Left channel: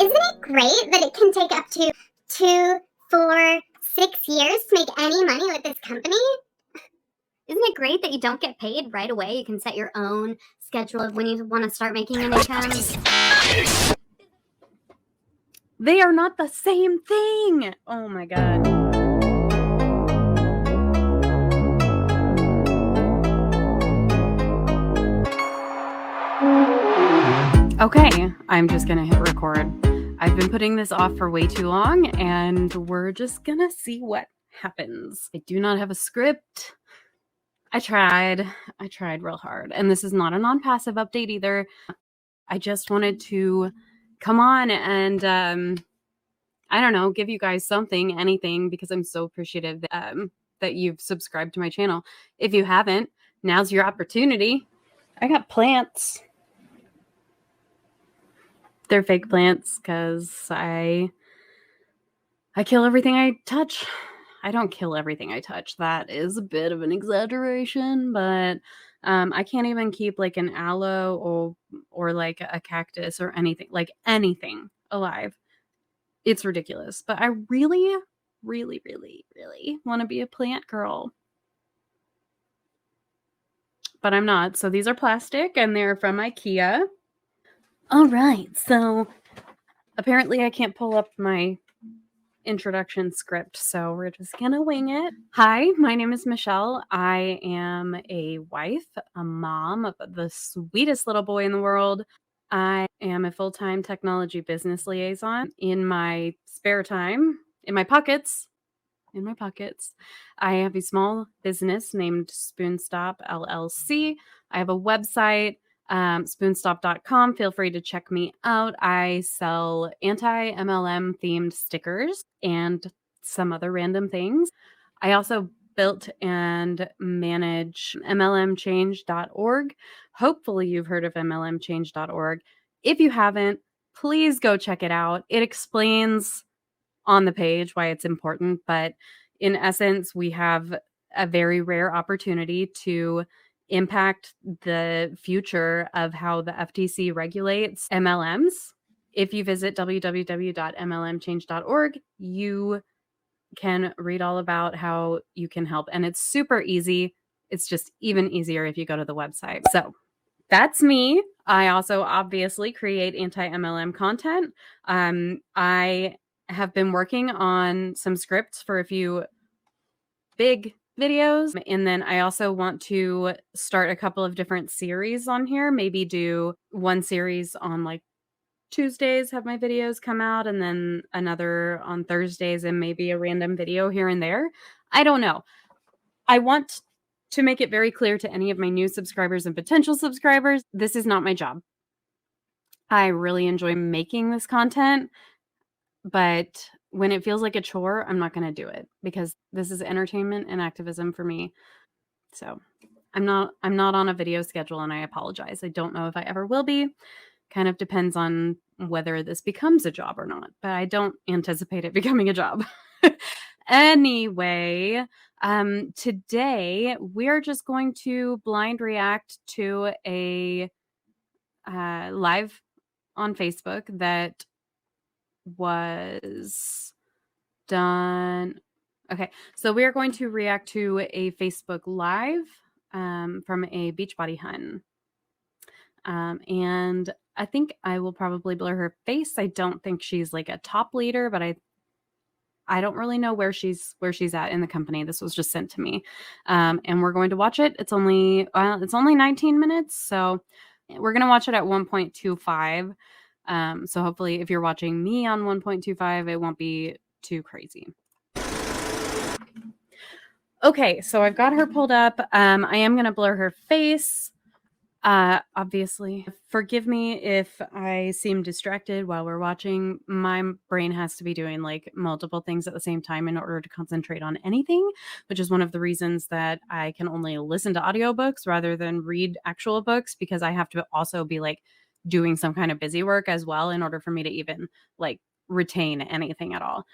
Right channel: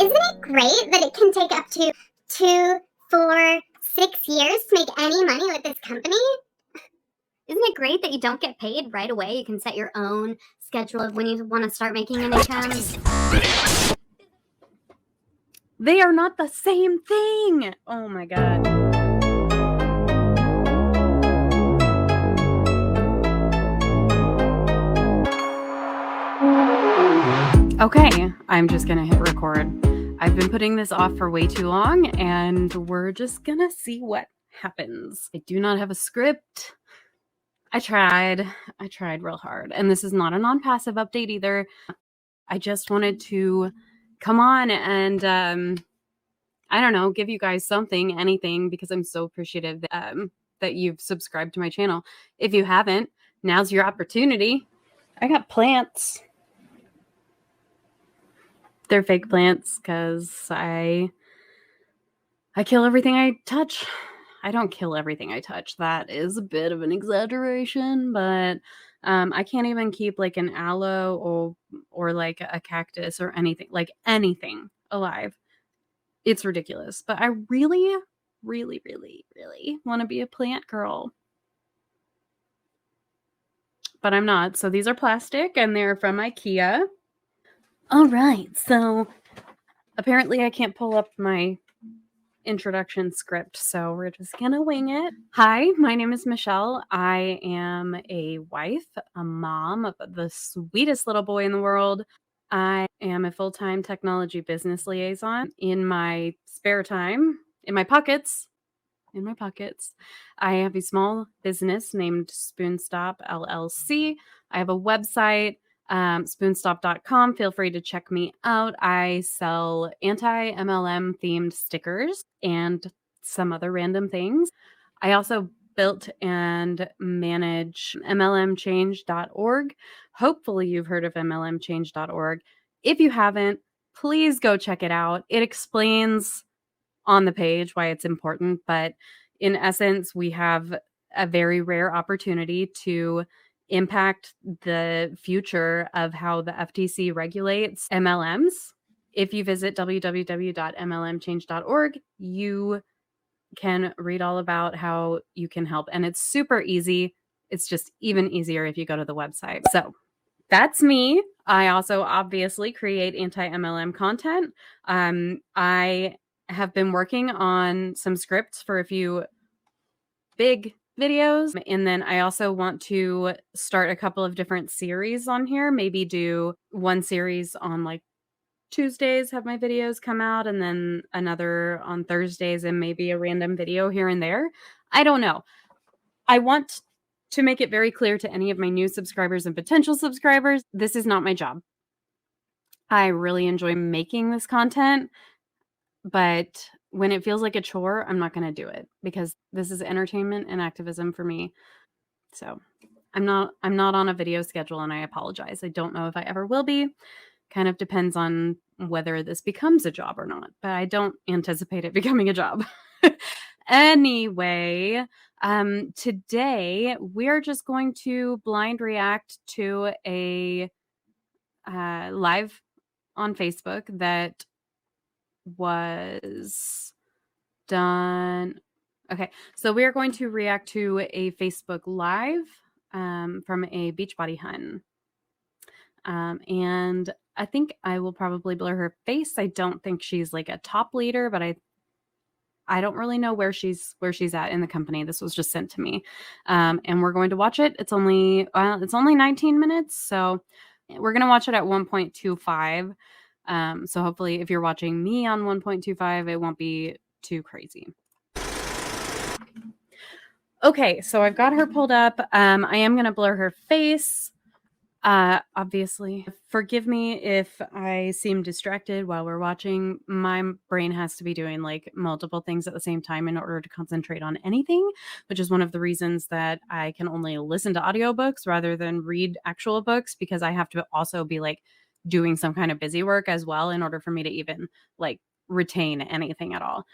Isn't it great that it can take up to 2, 4, 6 years to make any money with this company? Isn't it great that you don't get paid right away? You can set your own schedule of when you want to start making an income. They are not the same thing. Oh my God. Okay, I'm just gonna hit record. I've been putting this off for way too long, and we're just gonna see what happens. I do not have a script. I tried real hard, and this is not a non-passive update either. I just wanted to come on and I don't know, give you guys something, anything, because I'm so appreciative that you've subscribed to my channel. If you haven't, now's your opportunity. I got plants. They're fake plants because I kill everything I touch. I don't kill everything I touch. That is a bit of an exaggeration, but I can't even keep like an aloe or like a cactus or anything alive. It's ridiculous. But I really want to be a plant girl. But I'm not. So these are plastic and they're from IKEA. All right. So apparently I can't pull up my introduction script, so we're just gonna wing it. Hi, my name is Michelle. I am a wife, a mom of the sweetest little boy in the world. I am a full-time technology business liaison. In my spare time, in my pockets, I have a small business named Spoonstop LLC. I have a website at spoonstop.com. Feel free to check me out. I sell anti-MLM themed stickers and some other random things. I also built and manage MLMchange.org. Hopefully you've heard of MLMchange.org. If you haven't, please go check it out. It explains on the page why it's important, but in essence, we have a very rare opportunity to impact the future of how the FTC regulates MLMs. If you visit www.mlmchange.org, you can read all about how you can help. And it's super easy. It's just even easier if you go to the website. So that's me. I also obviously create anti-MLM content. I have been working on some scripts for a few big videos. And then I also want to start a couple of different series on here. Maybe do one series on like Tuesdays, have my videos come out, and then another on Thursdays, and maybe a random video here and there. I don't know. I want to make it very clear to any of my new subscribers and potential subscribers, this is not my job. I really enjoy making this content, but when it feels like a chore, I'm not going to do it because this is entertainment and activism for me. So I'm not on a video schedule, and I apologize. I don't know if I ever will be. Kind of depends on whether this becomes a job or not, but I don't anticipate it becoming a job. Anyway, today we're just going to blind react to a live on Facebook that was done. Okay, so we are going to react to a Facebook Live from a Beachbody Hun. And I think I will probably blur her face. I don't think she's like a top leader, but I don't really know where she's at in the company. This was just sent to me. And we're going to watch it. It's only 19 minutes, so we're going to watch it at 1.25. So hopefully if you're watching me on 1.25, it won't be too crazy. Okay, so I've got her pulled up. I am going to blur her face. Obviously, forgive me if I seem distracted while we're watching. My brain has to be doing like multiple things at the same time in order to concentrate on anything, which is one of the reasons that I can only listen to audiobooks rather than read actual books, because I have to also be like doing some kind of busy work as well in order for me to even like retain anything at all.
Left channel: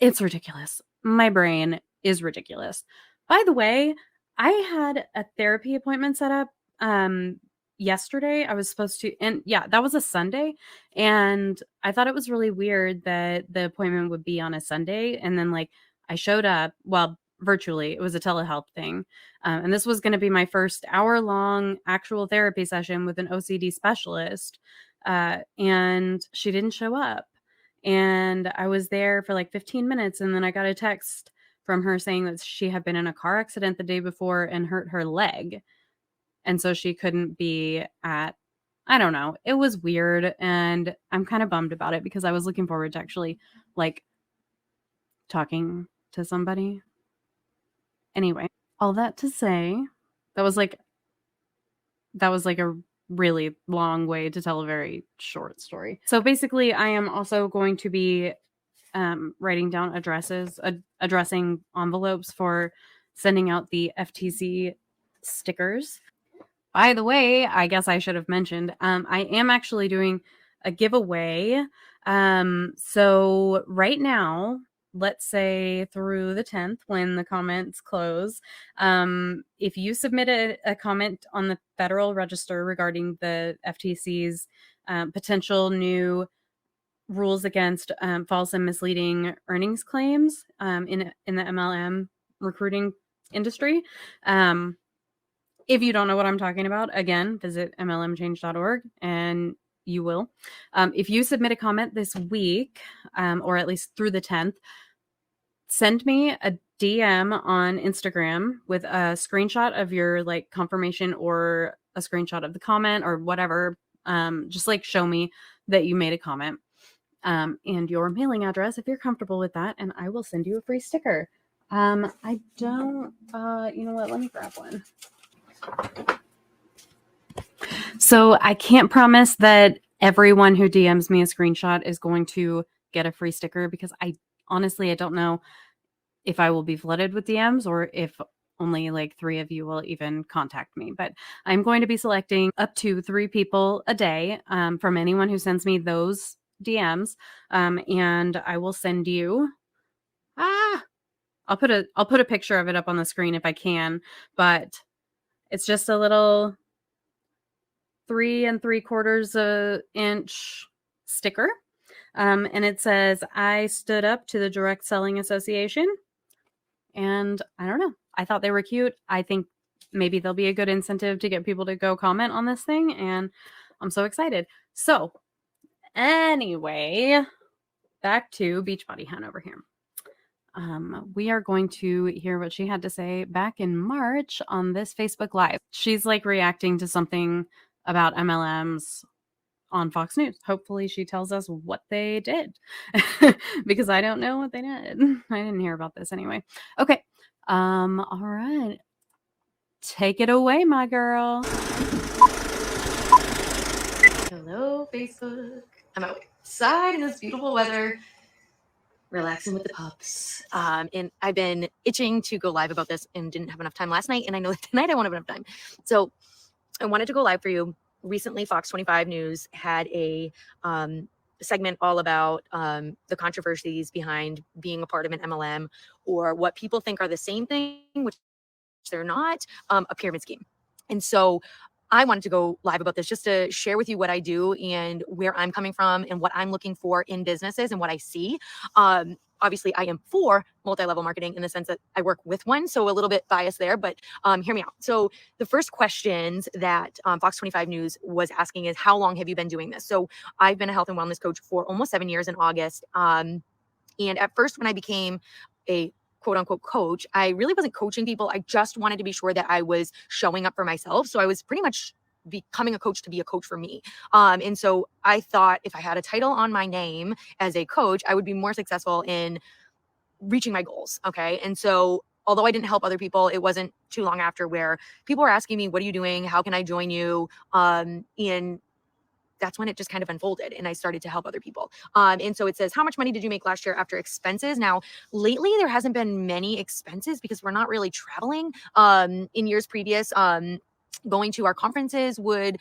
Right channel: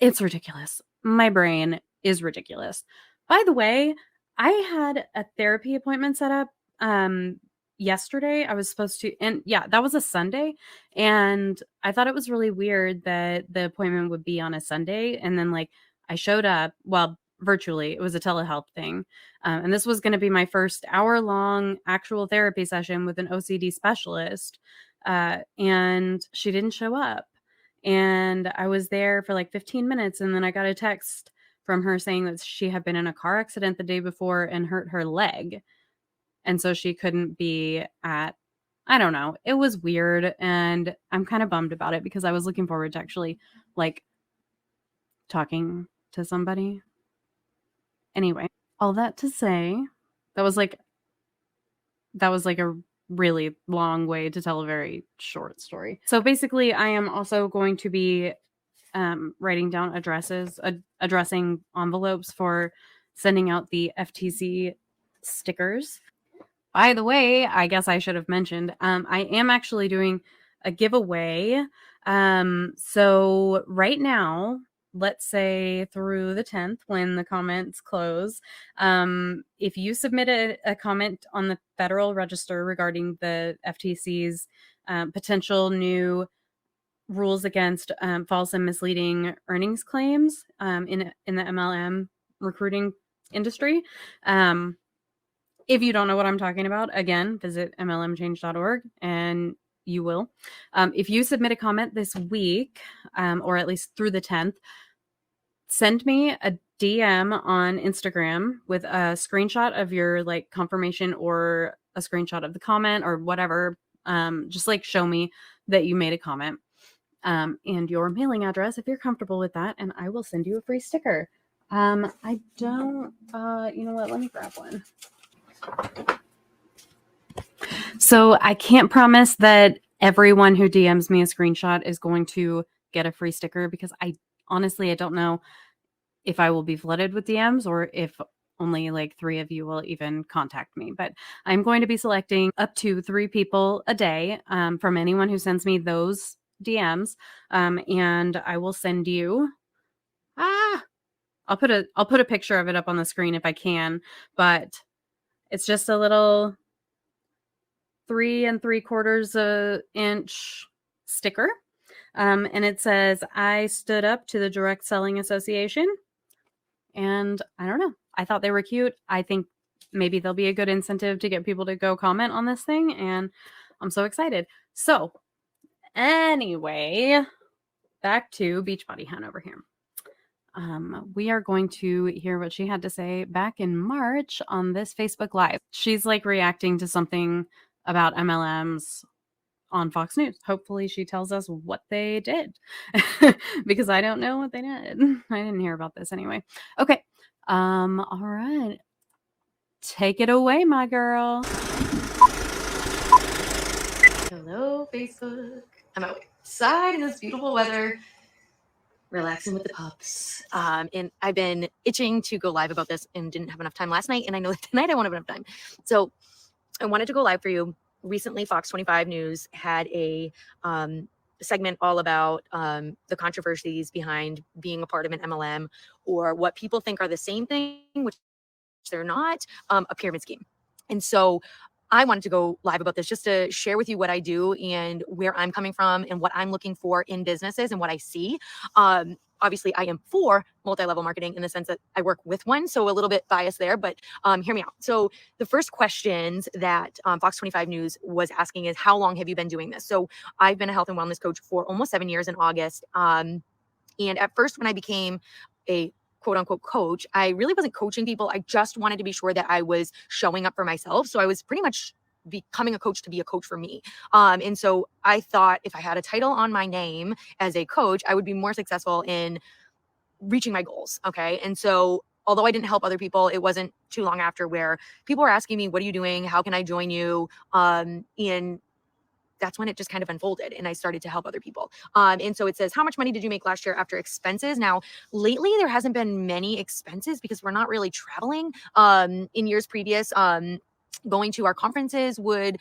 It's ridiculous. My brain is ridiculous. By the way, I had a therapy appointment set up yesterday I was supposed to, and yeah, that was a Sunday. And I thought it was really weird that the appointment would be on a Sunday. And then like I showed up, well, virtually, it was a telehealth thing. And this was going to be my first hour-long actual therapy session with an OCD specialist. And she didn't show up. And I was there for like 15 minutes. And then I got a text from her saying that she had been in a car accident the day before and hurt her leg. And so she couldn't be at, I don't know. It was weird. And I'm kind of bummed about it because I was looking forward to actually like talking to somebody. Anyway, all that to say, that was like a really long way to tell a very short story. So basically, I am also going to be writing down addressing envelopes for sending out the FTC stickers. By the way, I guess I should have mentioned, I am actually doing a giveaway. So right now, let's say through the 10th when the comments close, if you submit a comment on the Federal Register regarding the FTC's potential new rules against false and misleading earnings claims in the MLM recruiting industry. If you don't know what I'm talking about, again, visit mlmchange.org and you will. If you submit a comment this week, or at least through the 10th, send me a DM on Instagram with a screenshot of your like confirmation or a screenshot of the comment or whatever. Just like show me that you made a comment and your mailing address if you're comfortable with that, and I will send you a free sticker. I don't, you know what? Let me grab one. So I can't promise that everyone who DMs me a screenshot is going to get a free sticker because I don't know if I will be flooded with DMs or if only like 3 of you will even contact me. But I'm going to be selecting up to 3 people a day from anyone who sends me those DMs. And I will send you, I'll put a picture of it up on the screen if I can, but it's just a little 3 3/4 inch sticker. And it says, I stood up to the Direct Selling Association. And I don't know. I thought they were cute. I think maybe they'll be a good incentive to get people to go comment on this thing. And I'm so excited. So anyway, back to Beachbody Hun over here. We are going to hear what she had to say back in March on this Facebook Live. She's like reacting to something about MLMs on Fox News. Hopefully she tells us what they did because I don't know what they did. I didn't hear about this anyway. Okay. All right. Take it away, my girl. Hello, Facebook. I'm outside in this beautiful weather, relaxing with the pups. And I've been itching to go live about this and didn't have enough time last night. And I know that tonight I won't have enough time. So I wanted to go live for you. Recently, Fox 25 News had a segment all about the controversies behind being a part of an MLM, or what people think are the same thing, which they're not, a pyramid scheme. And so I wanted to go live about this just to share with you what I do and where I'm coming from and what I'm looking for in businesses and what I see. Obviously, I am for multi-level marketing in the sense that I work with one, so a little bit biased there, but hear me out. So the first questions that Fox 25 News was asking is, how long have you been doing this? So I've been a health and wellness coach for almost 7 years in August. And at first, when I became a quote unquote coach, I really wasn't coaching people. I just wanted to be sure that I was showing up for myself. So I was pretty much becoming a coach to be a coach for me. And so I thought if I had a title on my name as a coach, I would be more successful in reaching my goals. Okay. And so although I didn't help other people, it wasn't too long after where people were asking me, what are you doing? How can I join you? And that's when it just kind of unfolded and I started to help other people. And so it says, how much money did you make last year after expenses? Now, lately, there hasn't been many expenses because we're not really traveling. In years previous, going to our conferences would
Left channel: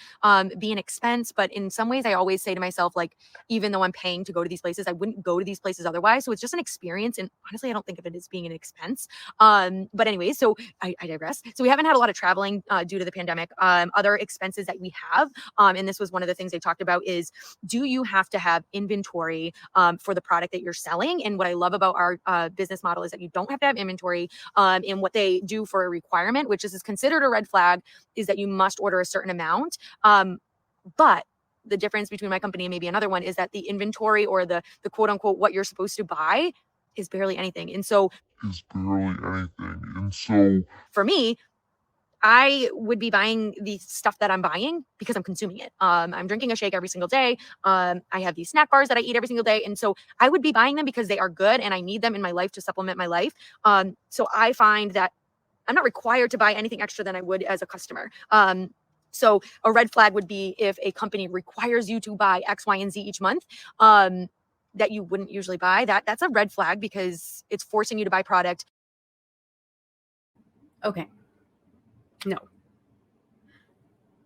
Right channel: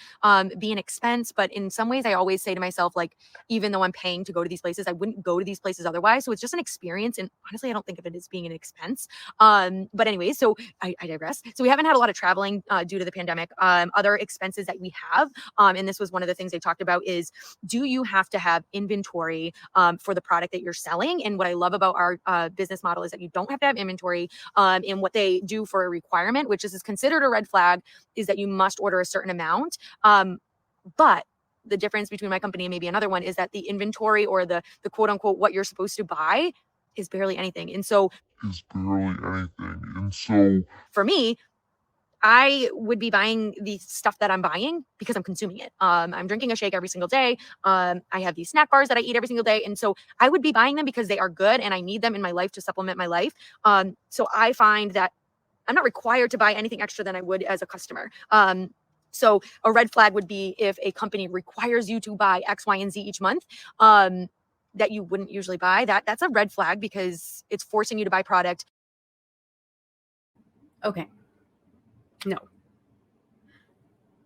be an expense, but in some ways I always say to myself, like, even though I'm paying to go to these places, I wouldn't go to these places otherwise. So it's just an experience, and honestly I don't think of it as being an expense. But anyway, so I digress. So we haven't had a lot of traveling due to the pandemic. Other expenses that we have, and this was one of the things they talked about, is do you have to have inventory for the product that you're selling? And what I love about our business model is that you don't have to have inventory. And what they do for a requirement, which is considered a red flag, is that you must order a certain amount. But the difference between my company and maybe another one is that the inventory, or the quote unquote what you're supposed to buy, is barely anything. And so for me, I would be buying the stuff that I'm buying because I'm consuming it. I'm drinking a shake every single day. I have these snack bars that I eat every single day. And so I would be buying them because they are good and I need them in my life to supplement my life. So I find that I'm not required to buy anything extra than I would as a customer. So a red flag would be if a company requires you to buy X, Y, and Z each month, that you wouldn't usually buy. That's a red flag because it's forcing you to buy product. Okay.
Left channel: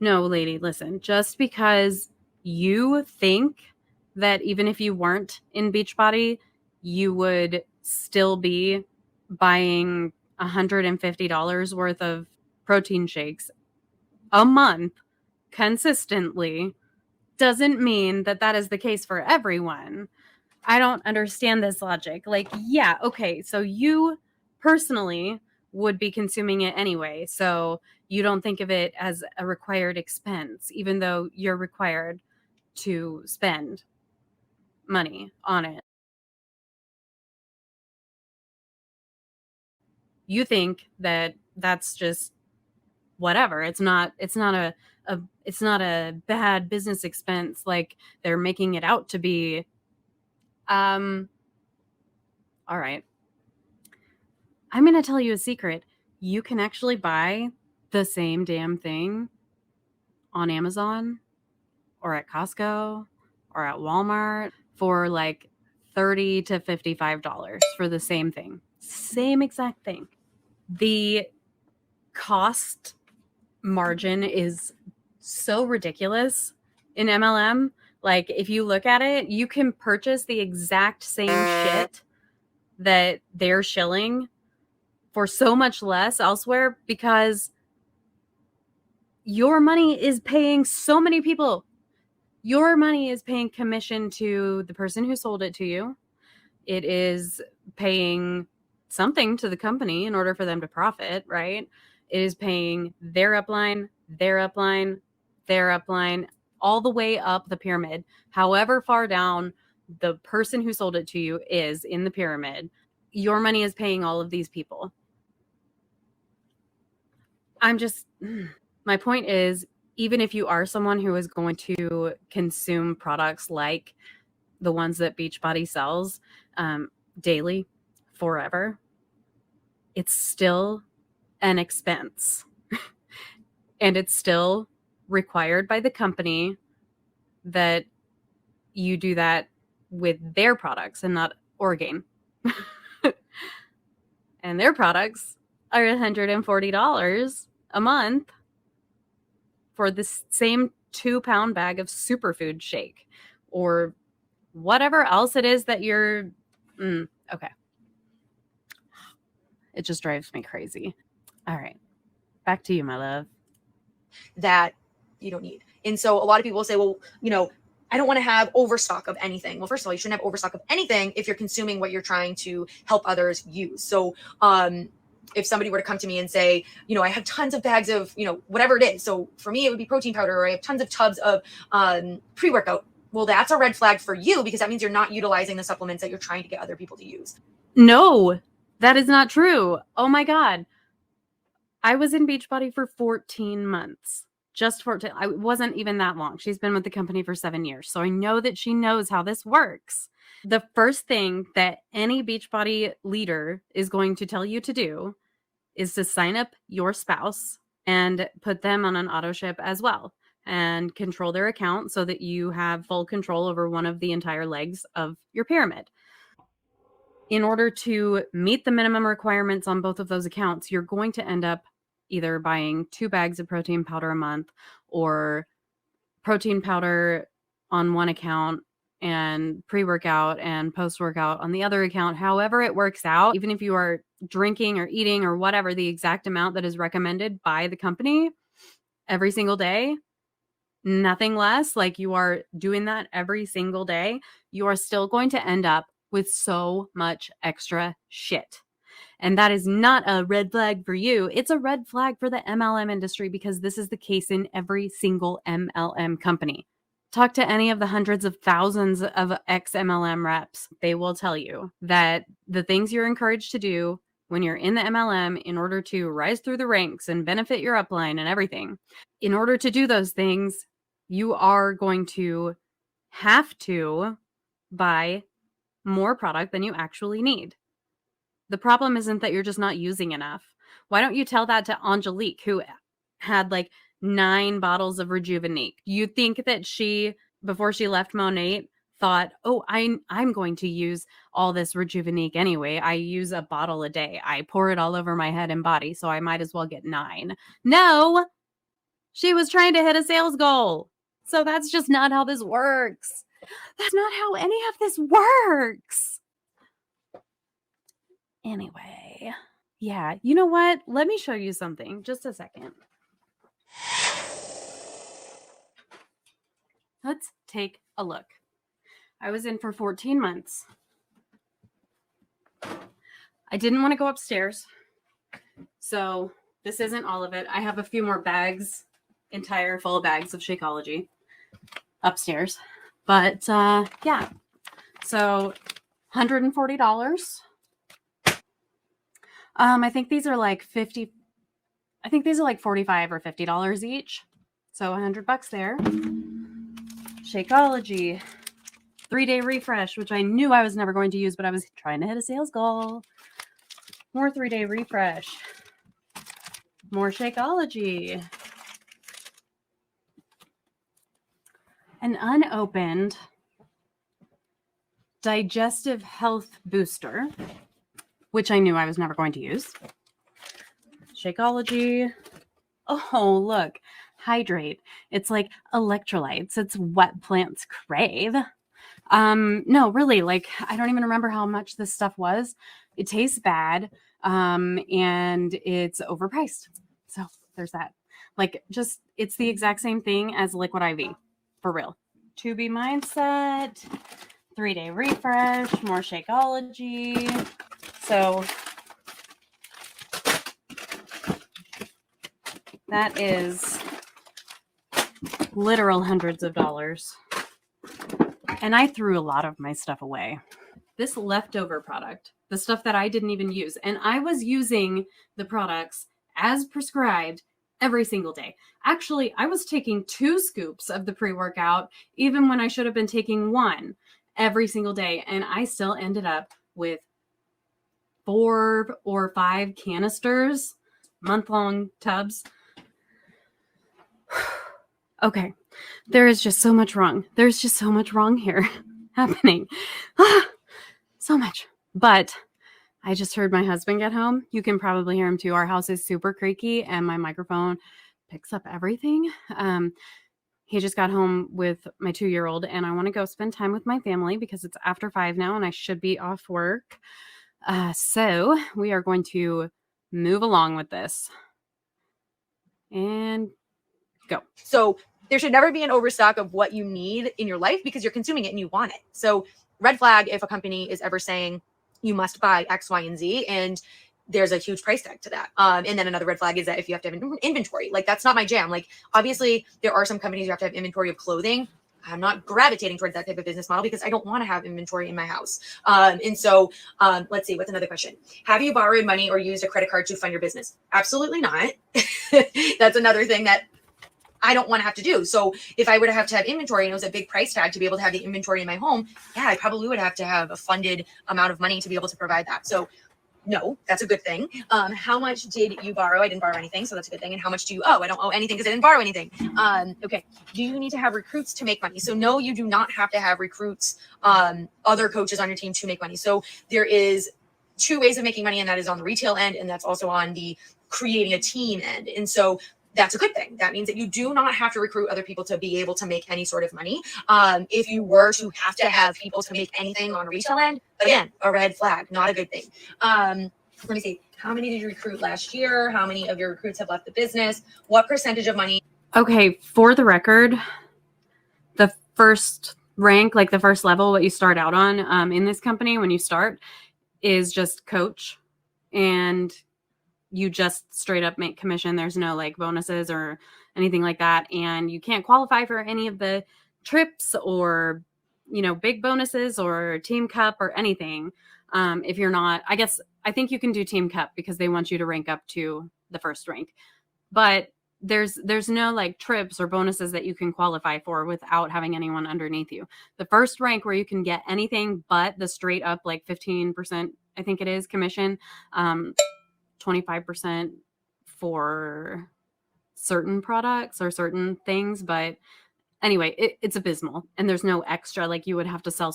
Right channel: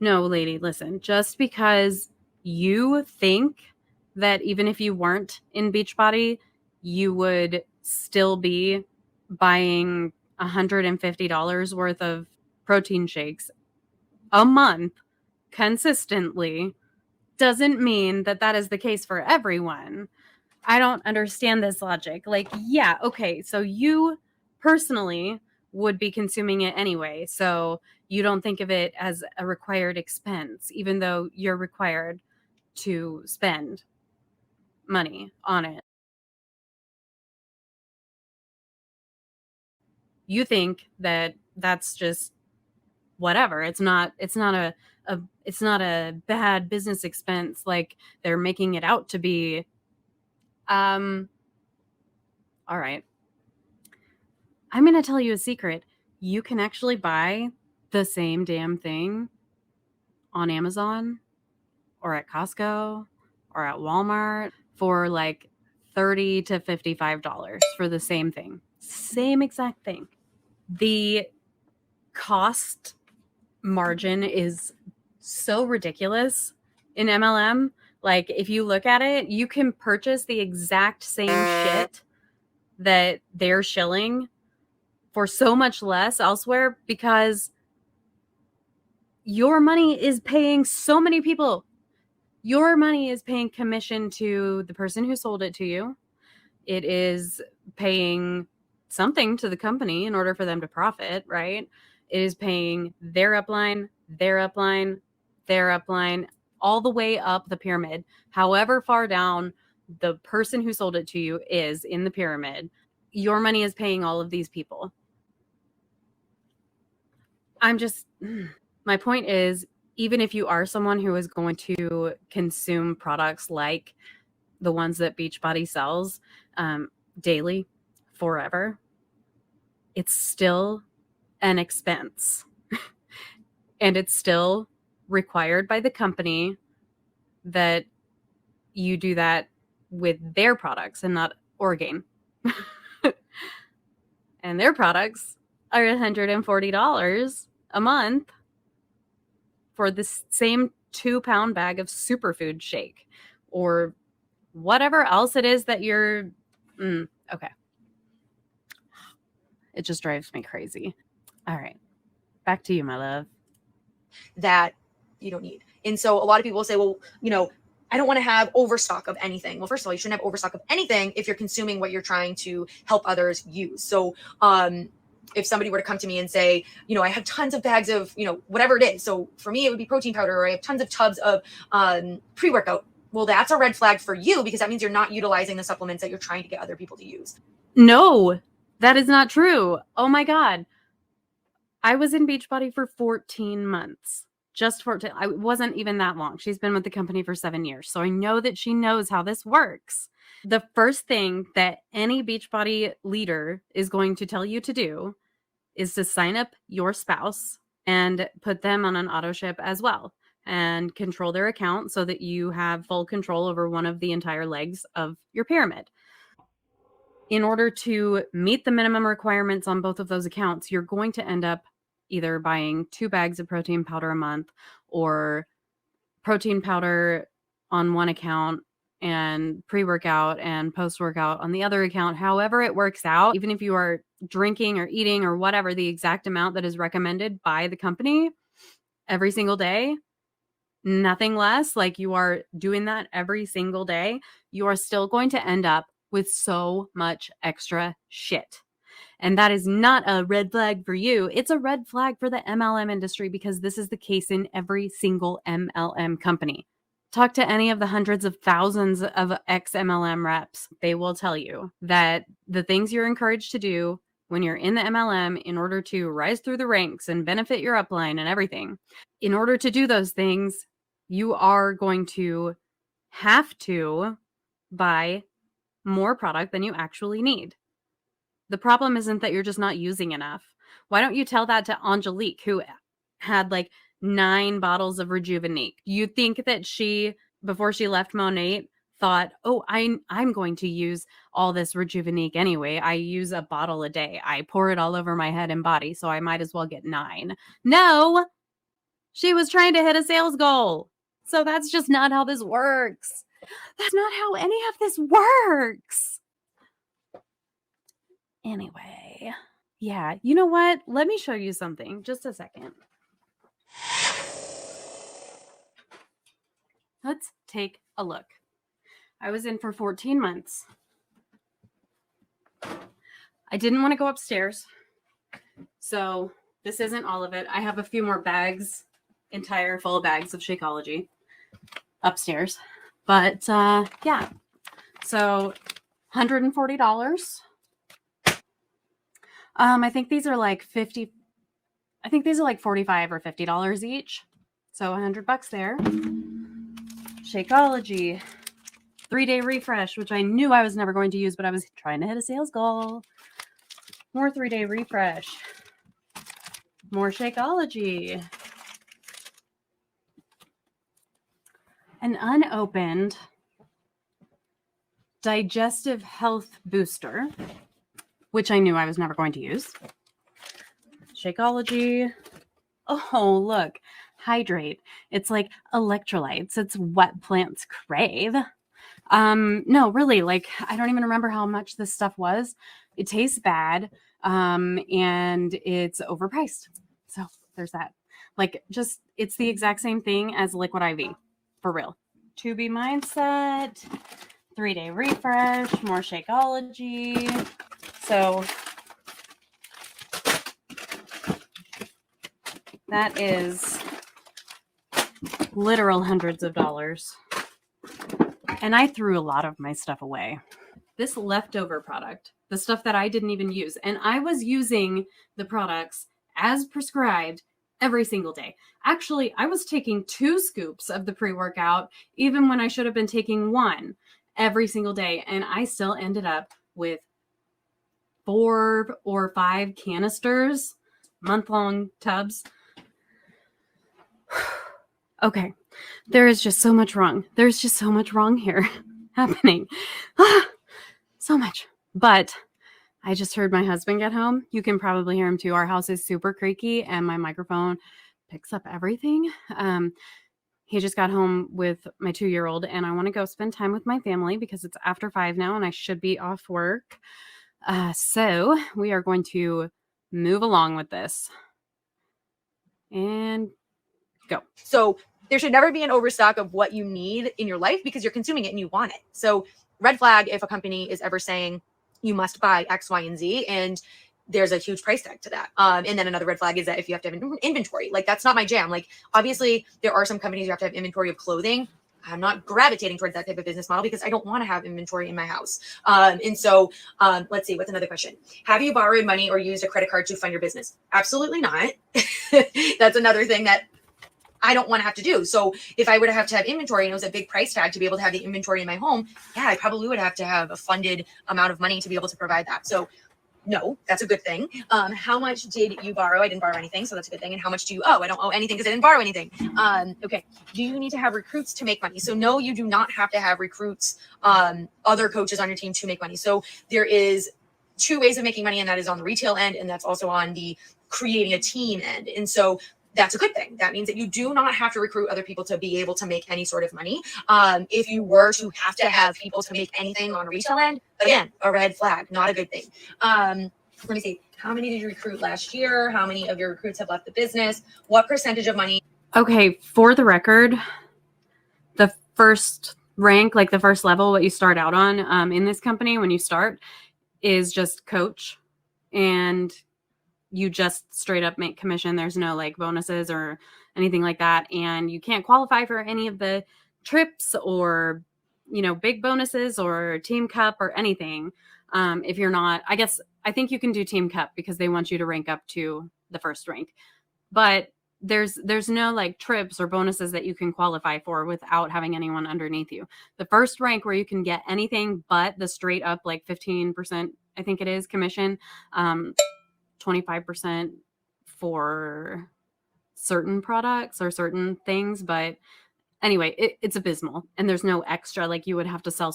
No, lady, listen. Just because you think that even if you weren't in Beachbody, you would still be buying $150 worth of protein shakes a month consistently doesn't mean that that is the case for everyone. I don't understand this logic. Like, yeah, okay, so you personally would be consuming it anyway, so you don't think of it as a required expense, even though you're required to spend money on it. You think that that's just whatever. It's not a bad business expense like they're making it out to be. All right. I'm going to tell you a secret. You can actually buy the same damn thing on Amazon or at Costco or at Walmart for like $30 to $55 for the same thing. Same exact thing. The cost margin is so ridiculous in MLM. Like, if you look at it, you can purchase the exact same shit that they're shilling for so much less elsewhere because your money is paying so many people. Your money is paying commission to the person who sold it to you. It is paying something to the company in order for them to profit, right? It is paying their upline, their upline, their upline, all the way up the pyramid. However far down the person who sold it to you is in the pyramid, your money is paying all of these people. My point is, even if you are someone who is going to consume products like the ones that Beachbody sells daily, forever, it's still an expense. And it's still required by the company that you do that with their products and not Oregon. And their products are $140 a month for the same 2-pound bag of superfood shake or whatever else it is that you're. Okay. It just drives me crazy. All right. Back to you, my love. That you don't need. And so a lot of people say, well, I don't want to have overstock of anything. Well, first of all, you shouldn't have overstock of anything if you're consuming what you're trying to help others use. So if somebody were to come to me and say, I have tons of bags of, whatever it is. So for me, it would be protein powder, or I have tons of tubs of pre-workout. Well, that's a red flag for you because that means you're not utilizing the supplements that you're trying to get other people to use. No, that is not true. Oh my God. I was in Beachbody for 14 months. Just 14. I wasn't even that long. She's been with the company for 7 years. So I know that she knows how this works. The first thing that any Beachbody leader is going to tell you to do is to sign up your spouse and put them on an auto ship as well and control their account so that you have full control over one of the entire legs of your pyramid. In order to meet the minimum requirements on both of those accounts, you're going to end up either buying 2 bags of protein powder a month or protein powder on one account and pre-workout and post-workout on the other account. However it works out, even if you are drinking or eating or whatever, the exact amount that is recommended by the company every single day, nothing less, like you are doing that every single day, you are still going to end up with so much extra shit. And that is not a red flag for you. It's a red flag for the MLM industry because this is the case in every single MLM company. Talk to any of the hundreds of thousands of ex-MLM reps. They will tell you that the things you're encouraged to do when you're in the MLM in order to rise through the ranks and benefit your upline and everything, in order to do those things, you are going to have to buy more product than you actually need. The problem isn't that you're just not using enough. Why don't you tell that to Angelique, who had like 9 bottles of Rejuvenate? You'd think that she, before she left Monate, thought, oh, I'm going to use all this Rejuvenate anyway. I use a bottle a day. I pour it all over my head and body, so I might as well get 9. No, she was trying to hit a sales goal. So that's just not how this works. That's not how any of this works. Anyway, yeah, you know what? Let me show you something. Just a second. Let's take a look. I was in for 14 months. I didn't want to go upstairs, so this isn't all of it. I have a few more bags, entire full bags of Shakeology upstairs. But yeah, so $140. I think these are like $45 or $50 each. So $100 there. Shakeology, 3-day refresh, which I knew I was never going to use, but I was trying to hit a sales goal. More 3-day refresh. More Shakeology. An unopened digestive health booster, which I knew I was never going to use. Shakeology. Oh, look. Hydrate. It's like electrolytes. It's what plants crave. No, really, like, I don't even remember how much this stuff was. It tastes bad, and it's overpriced. So there's that. Like, just, it's the exact same thing as Liquid IV, for real. 2B mindset, 3-day refresh, more Shakeology. So that is literal hundreds of dollars. And I threw a lot of my stuff away. This leftover product, the stuff that I didn't even use, and I was using the products as prescribed every single day. Actually, I was taking 2 scoops of the pre-workout, even when I should have been taking 1 every single day. And I still ended up with 4 or 5 canisters, month-long tubs. Okay, there is just so much wrong. There's just so much wrong here happening. So much. But I just heard my husband get home. You can probably hear him too. Our house is super creaky and my microphone picks up everything. He just got home with my 2-year-old and I want to go spend time with my family because it's after 5 now and I should be off work. So we are going to move along with this and go. So there should never be an overstock of what you need in your life because you're consuming it and you want it. So red flag if a company is ever saying you must buy X, Y, and Z, and there's a huge price tag to that. And then another red flag is that if you have to have inventory, like that's not my jam. Like obviously there are some companies you have to have inventory of clothing. I'm not gravitating towards that type of business model because I don't want to have inventory in my house. And so let's see, what's another question? Have you borrowed money or used a credit card to fund your business? Absolutely not. That's another thing that I don't want to have to do. So if I would have to have inventory and it was a big price tag to be able to have the inventory in my home, yeah, I probably would have to have a funded amount of money to be able to provide that. So no, that's a good thing. How much did you borrow? I didn't borrow anything, so that's a good thing. And how much do you owe? I don't owe anything because I didn't borrow anything. Okay. Do you need to have recruits to make money? So no, you do not have to have recruits, other coaches on your team to make money. So there is 2 ways of making money, and that is on the retail end, and that's also on the creating a team end. And so that's a good thing. That means that you do not have to recruit other people to be able to make any sort of money. If you were to have people to make anything on a retail end, again, a red flag, not a good thing. Let me see. How many did you recruit last year? How many of your recruits have left the business? What percentage of money? Okay, for the record, the first rank, like the first level, what you start out on in this company when you start is just coach, and you just straight up make commission. There's no like bonuses or anything like that, and you can't qualify for any of the trips or, you know, big bonuses or team cup or anything. If you're not, I think you can do team cup because they want you to rank up to the first rank, but there's no like trips or bonuses that you can qualify for without having anyone underneath you. The first rank where you can get anything but the straight up like 15%, I think it is, commission, 25% for certain products or certain things. But anyway, it's abysmal, and there's no extra. Like, you would have to sell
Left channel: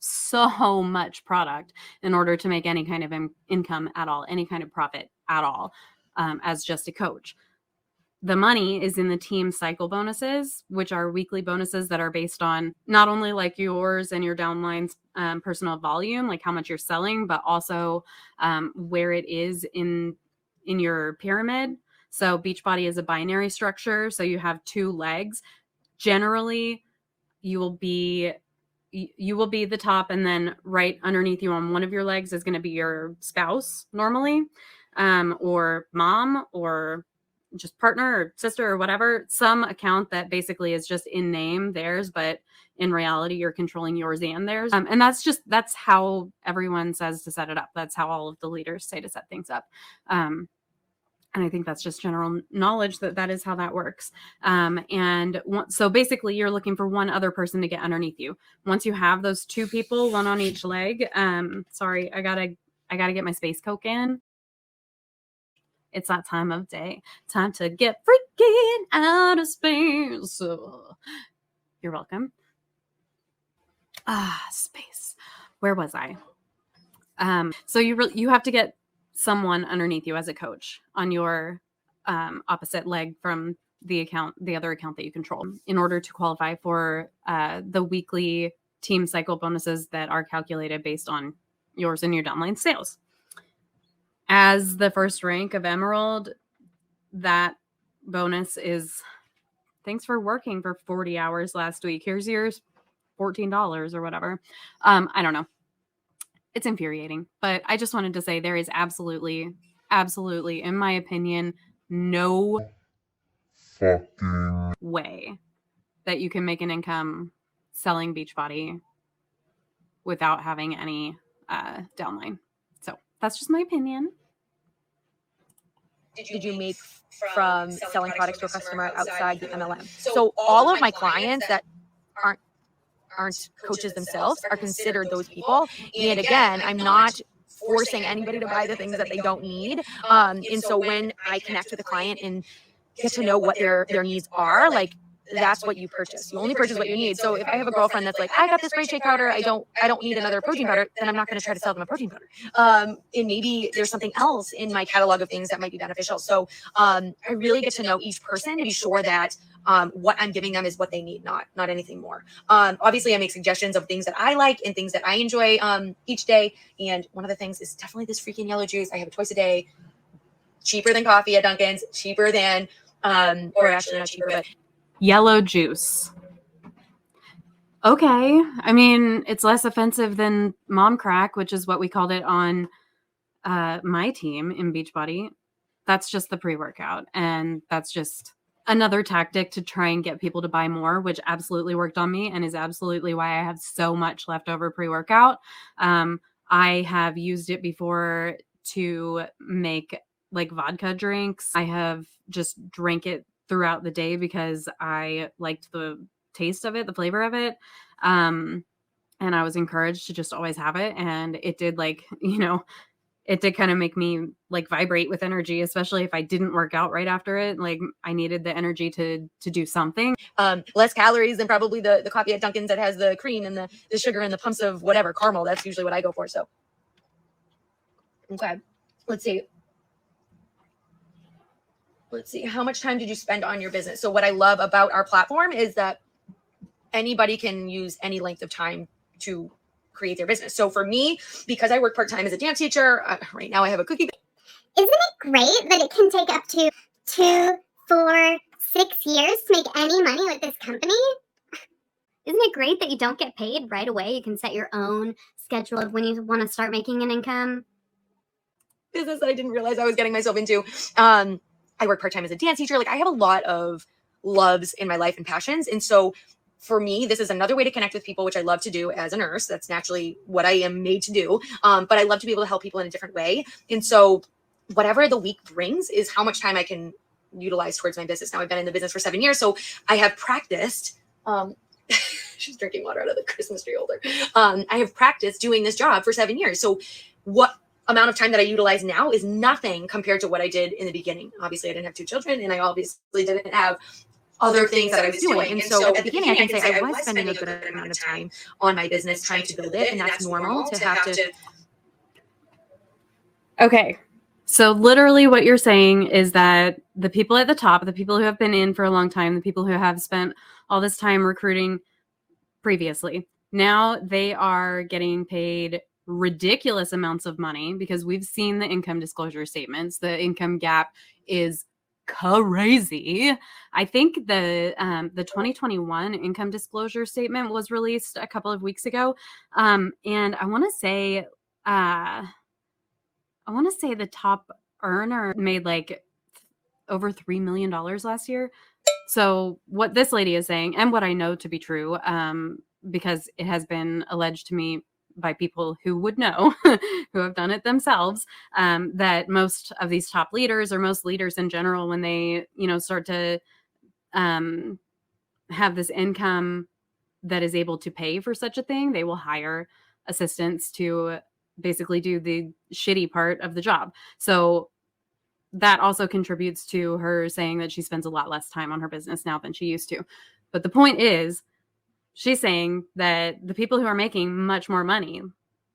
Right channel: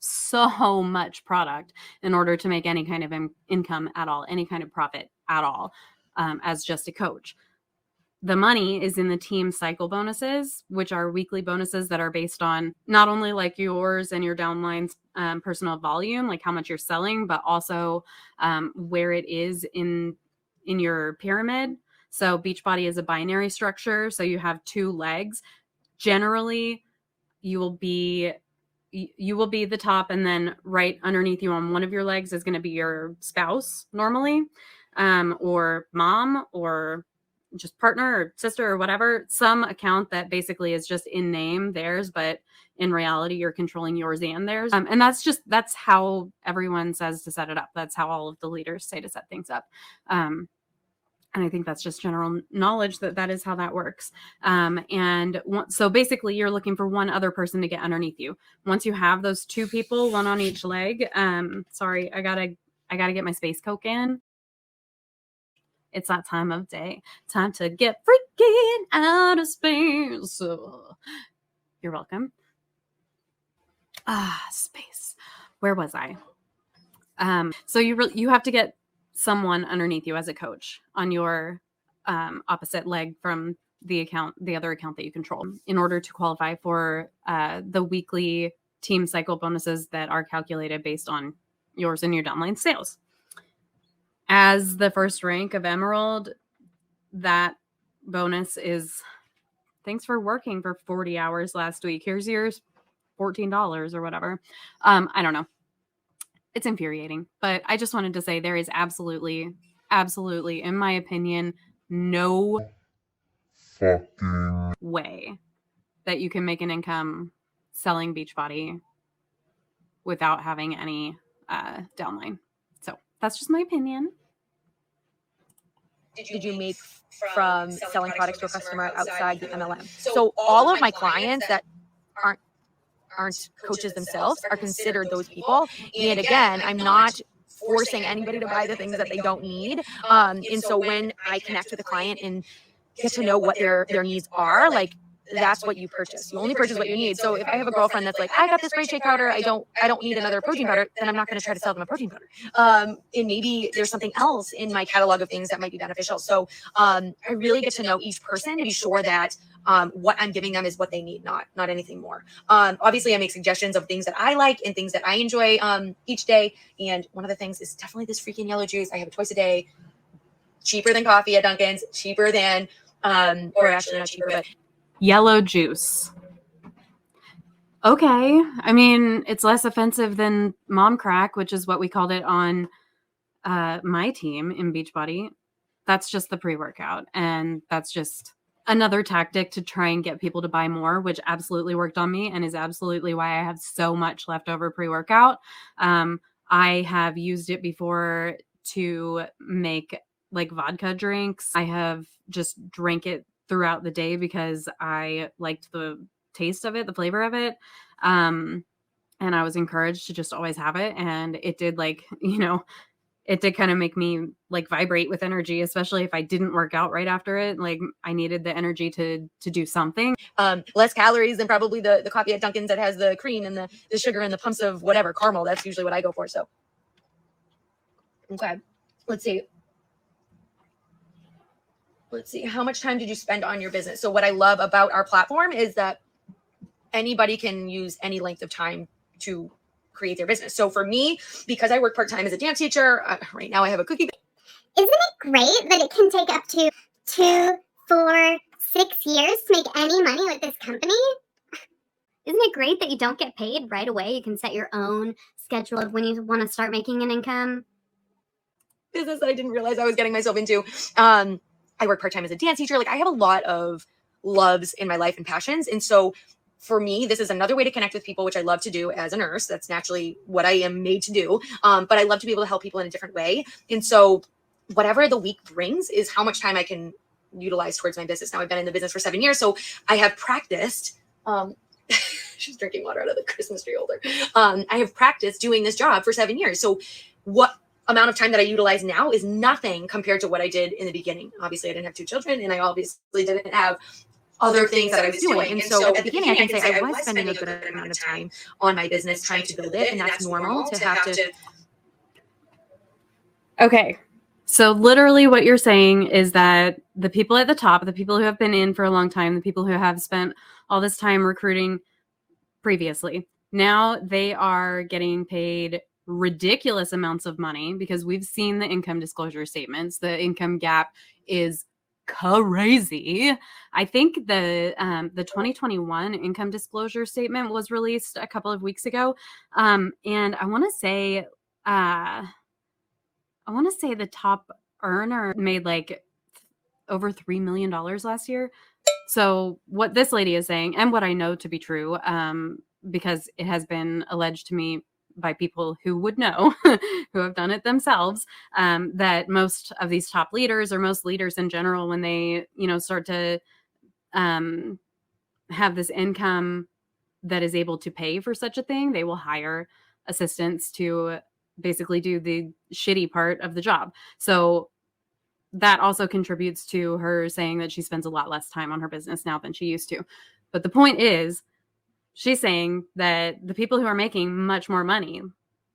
so much product in order to make any kind of income at all, any kind of profit at all, as just a coach. The money is in the team cycle bonuses, which are weekly bonuses that are based on not only like yours and your downline's personal volume, like how much you're selling, but also where it is in your pyramid. So Beachbody is a binary structure. So you have two legs. Generally, you will be the top, and then right underneath you on one of your legs is going to be your spouse normally, or mom, or just partner or sister or whatever, some account that basically is just in name theirs, but in reality you're controlling yours and theirs. And that's how everyone says to set it up. That's how all of the leaders say to set things up. And I think that's just general knowledge that is how that works. So basically you're looking for one other person to get underneath you. Once you have those two people, one on each leg, sorry, I gotta get my space Coke in. It's that time of day. Time to get freaking out of space. You're welcome. Space. Where was I? So you have to get someone underneath you as a coach on your opposite leg from the other account that you control, in order to qualify for the weekly team cycle bonuses that are calculated based on yours and your downline sales. As the first rank of Emerald, that bonus is, thanks for working for 40 hours last week. Here's yours, $14 or whatever. I don't know. It's infuriating. I just wanted to say there is absolutely, in my opinion, selling Beachbody without having any downline. So that's just my opinion. From selling products to a customer outside the MLM. So all of my clients that aren't coaches themselves are considered those people. And again, I'm not forcing anybody to buy the things that they don't need. And so when I connect with a client and get to know what their needs are, like, that's what you purchase. You only purchase what you need. So if I have a girlfriend that's like, I got this great shea powder, I don't need another protein powder, and I'm not going to try to sell them protein powder. And maybe there's something else, and if you have other things that may be beneficial. So we really get to know each person and be sure that what I'm giving them is what they need, not anything more. Obviously, I make suggestions of things that I like and things that I enjoy each day. And one of the things is definitely this freaking yellow juice. I have it twice a day. Cheaper than coffee at Dunkin's. Cheaper than, or actually not cheaper, but Yellow juice. Okay. I mean, it's less offensive than mom crack, which is what we call their own. That's just the pre-workout. That's just another tactic to try and get people to buy more, which absolutely worked on me, and is absolutely why I have so much leftover pre-workout. I have used it before to make like vodka drinks. I have just drank it throughout the day because I liked the taste of it, the flavor of it. And I was encouraged to just always have it, and it did like, I needed the energy to do something. Less calories than probably the coffee and Dunkin's that has the cream and the sugar and the plus of whatever caramel. That's usually what I go for. So, okay, let's see. let's see, how much time did you spend on your business? So what I love about our platform is that anybody can use any length of time to create their business. So for me, because I work part-time as a dance teacher, right now I have a cookie. Isn't it great that it can take up to 2, 4, 6 years to make any money with this company? Isn't it great that you don't get paid right away? You can set your own schedule of when you want to start making an income. Business that I didn't realize I was getting myself into. I work part-time as a dance teacher. Like, I have a lot of loves in my life and passions. And so for me, this is another way to connect with people, which I love to do as a nurse. That's naturally what I am made to do. But I love to be able to help people in a different way. And so whatever the week brings is how much time I can utilize towards my business. Now, I've been in the business for 7 years, so I have practiced. She's drinking water out of the Christmas tree holder. I have practiced doing this job for 7 years. So what amount of time that I utilize now is nothing compared to what I did in the beginning. Obviously, I didn't have 2 children, and I always. So what this lady is saying, and what I know to be true, because it has been alleged to me by people who would know, who have done it themselves, that most of these top leaders, or most leaders in general, when they, start to have this income that is able to pay for such a thing, they will hire assistants to basically do the shitty part of the job. So that also contributes to her saying that she spends a lot less time on her business now than she used to. But the point is, she's saying that the people who are making much more money,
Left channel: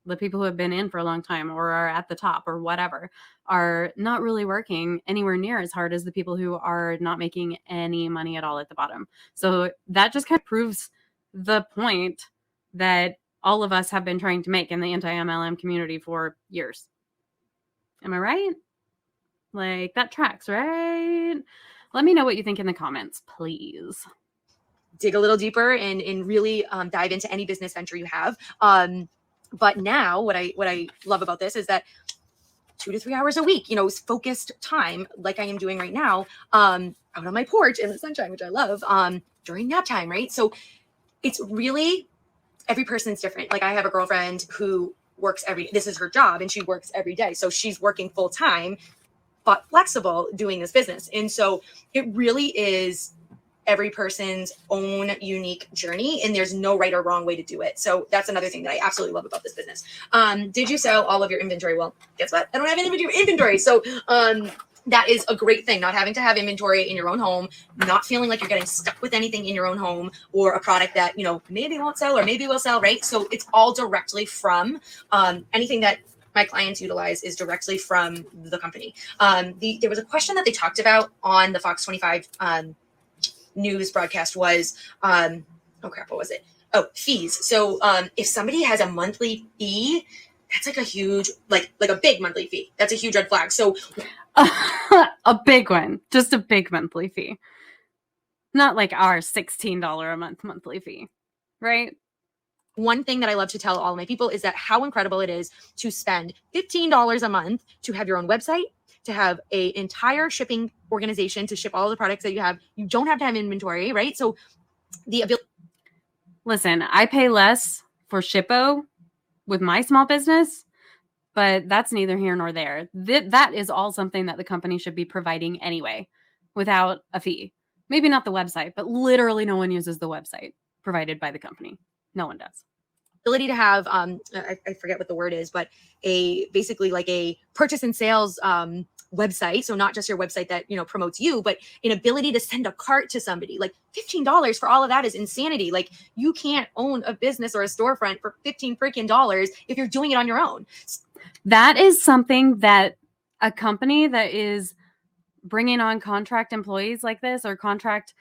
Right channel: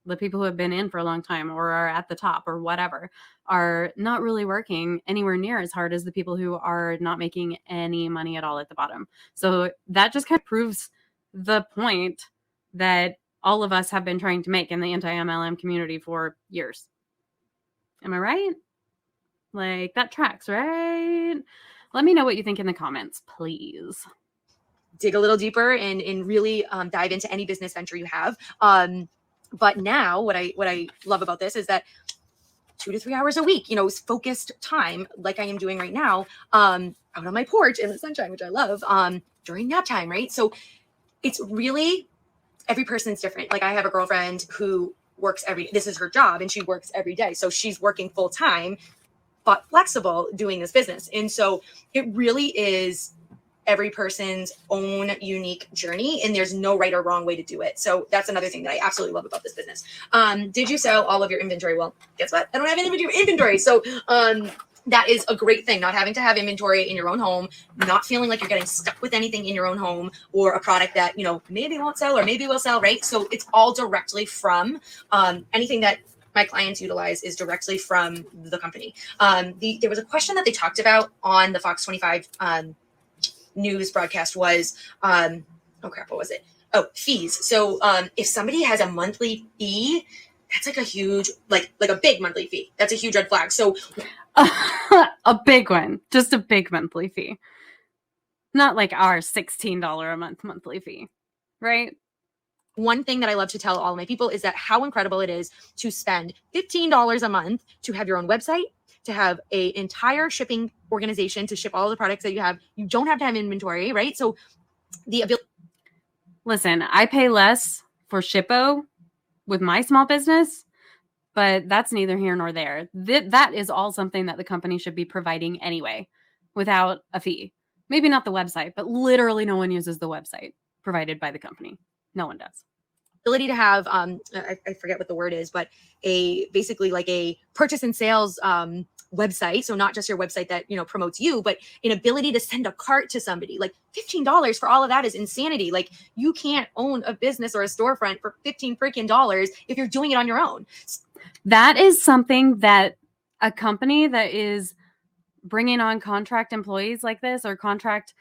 the people who have been in for a long time or are at the top or whatever, are not really working anywhere near as hard as the people who are not making any money at all at the bottom. So that just kind of proves the point that all of us have been trying to make in the anti-MLM community for years. Am I right? Like, that tracks, right? Let me know what you think in the comments, please. Dig a little deeper and really dive into any business venture you have. But now what I love about this is that 2 to 3 hours a week, focused time like I am doing right now, out on my porch in the sunshine, which I love, during nap time, right? So it's really, every person's different. Like, I have a girlfriend who works this is her job, and she works every day. So she's working full time, but flexible doing this business. And so it really is every person's own unique journey, and there's no right or wrong way to do it. So that's another thing that I absolutely love about this business. Did you sell all of your inventory? Well, guess what? I don't have any inventory. So that is a great thing, not having to have inventory in your own home, not feeling like you're getting stuck with anything in your own home, or a product that, maybe won't sell or maybe will sell, right? So it's all directly from anything that my clients utilize is directly from the company. There was a question that they talked about on the Fox 25 news broadcast was, oh crap, what was it? Oh, fees. So if somebody has a monthly fee, that's like a huge, like a big monthly fee. That's a huge red flag. So a big one, just a big monthly fee. Not like our $16 a month monthly fee, right? One thing that I love to tell all my people is that how incredible it is to spend $15 a month to have your own website, to have an entire shipping organization to ship all the products that you have. That's neither here nor there. That is all something that the company should be providing anyway, without a fee. Maybe not the website, but literally no one uses the website provided by the company. No one does. Ability to have, I forget what the word is, but basically like a purchase and sales website, so not just a website. A company that is bringing on contract employees like this, or contract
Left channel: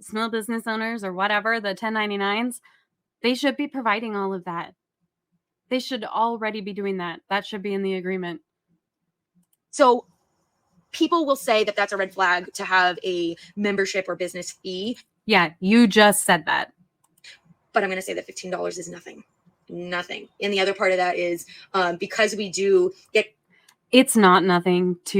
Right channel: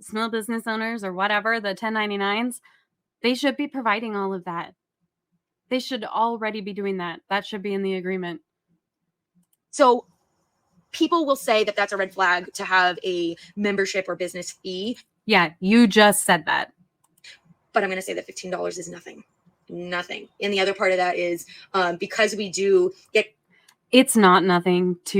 small business owners, or whatever, the 1099s, they should be providing all of that. They should already be doing that. That should be in the agreement. So people will say that that's a red flag to have a membership or business fee. Yeah, you just said that. But I'm going to say that $15 is nothing. Nothing. And the other part of that is because we do. It's not nothing to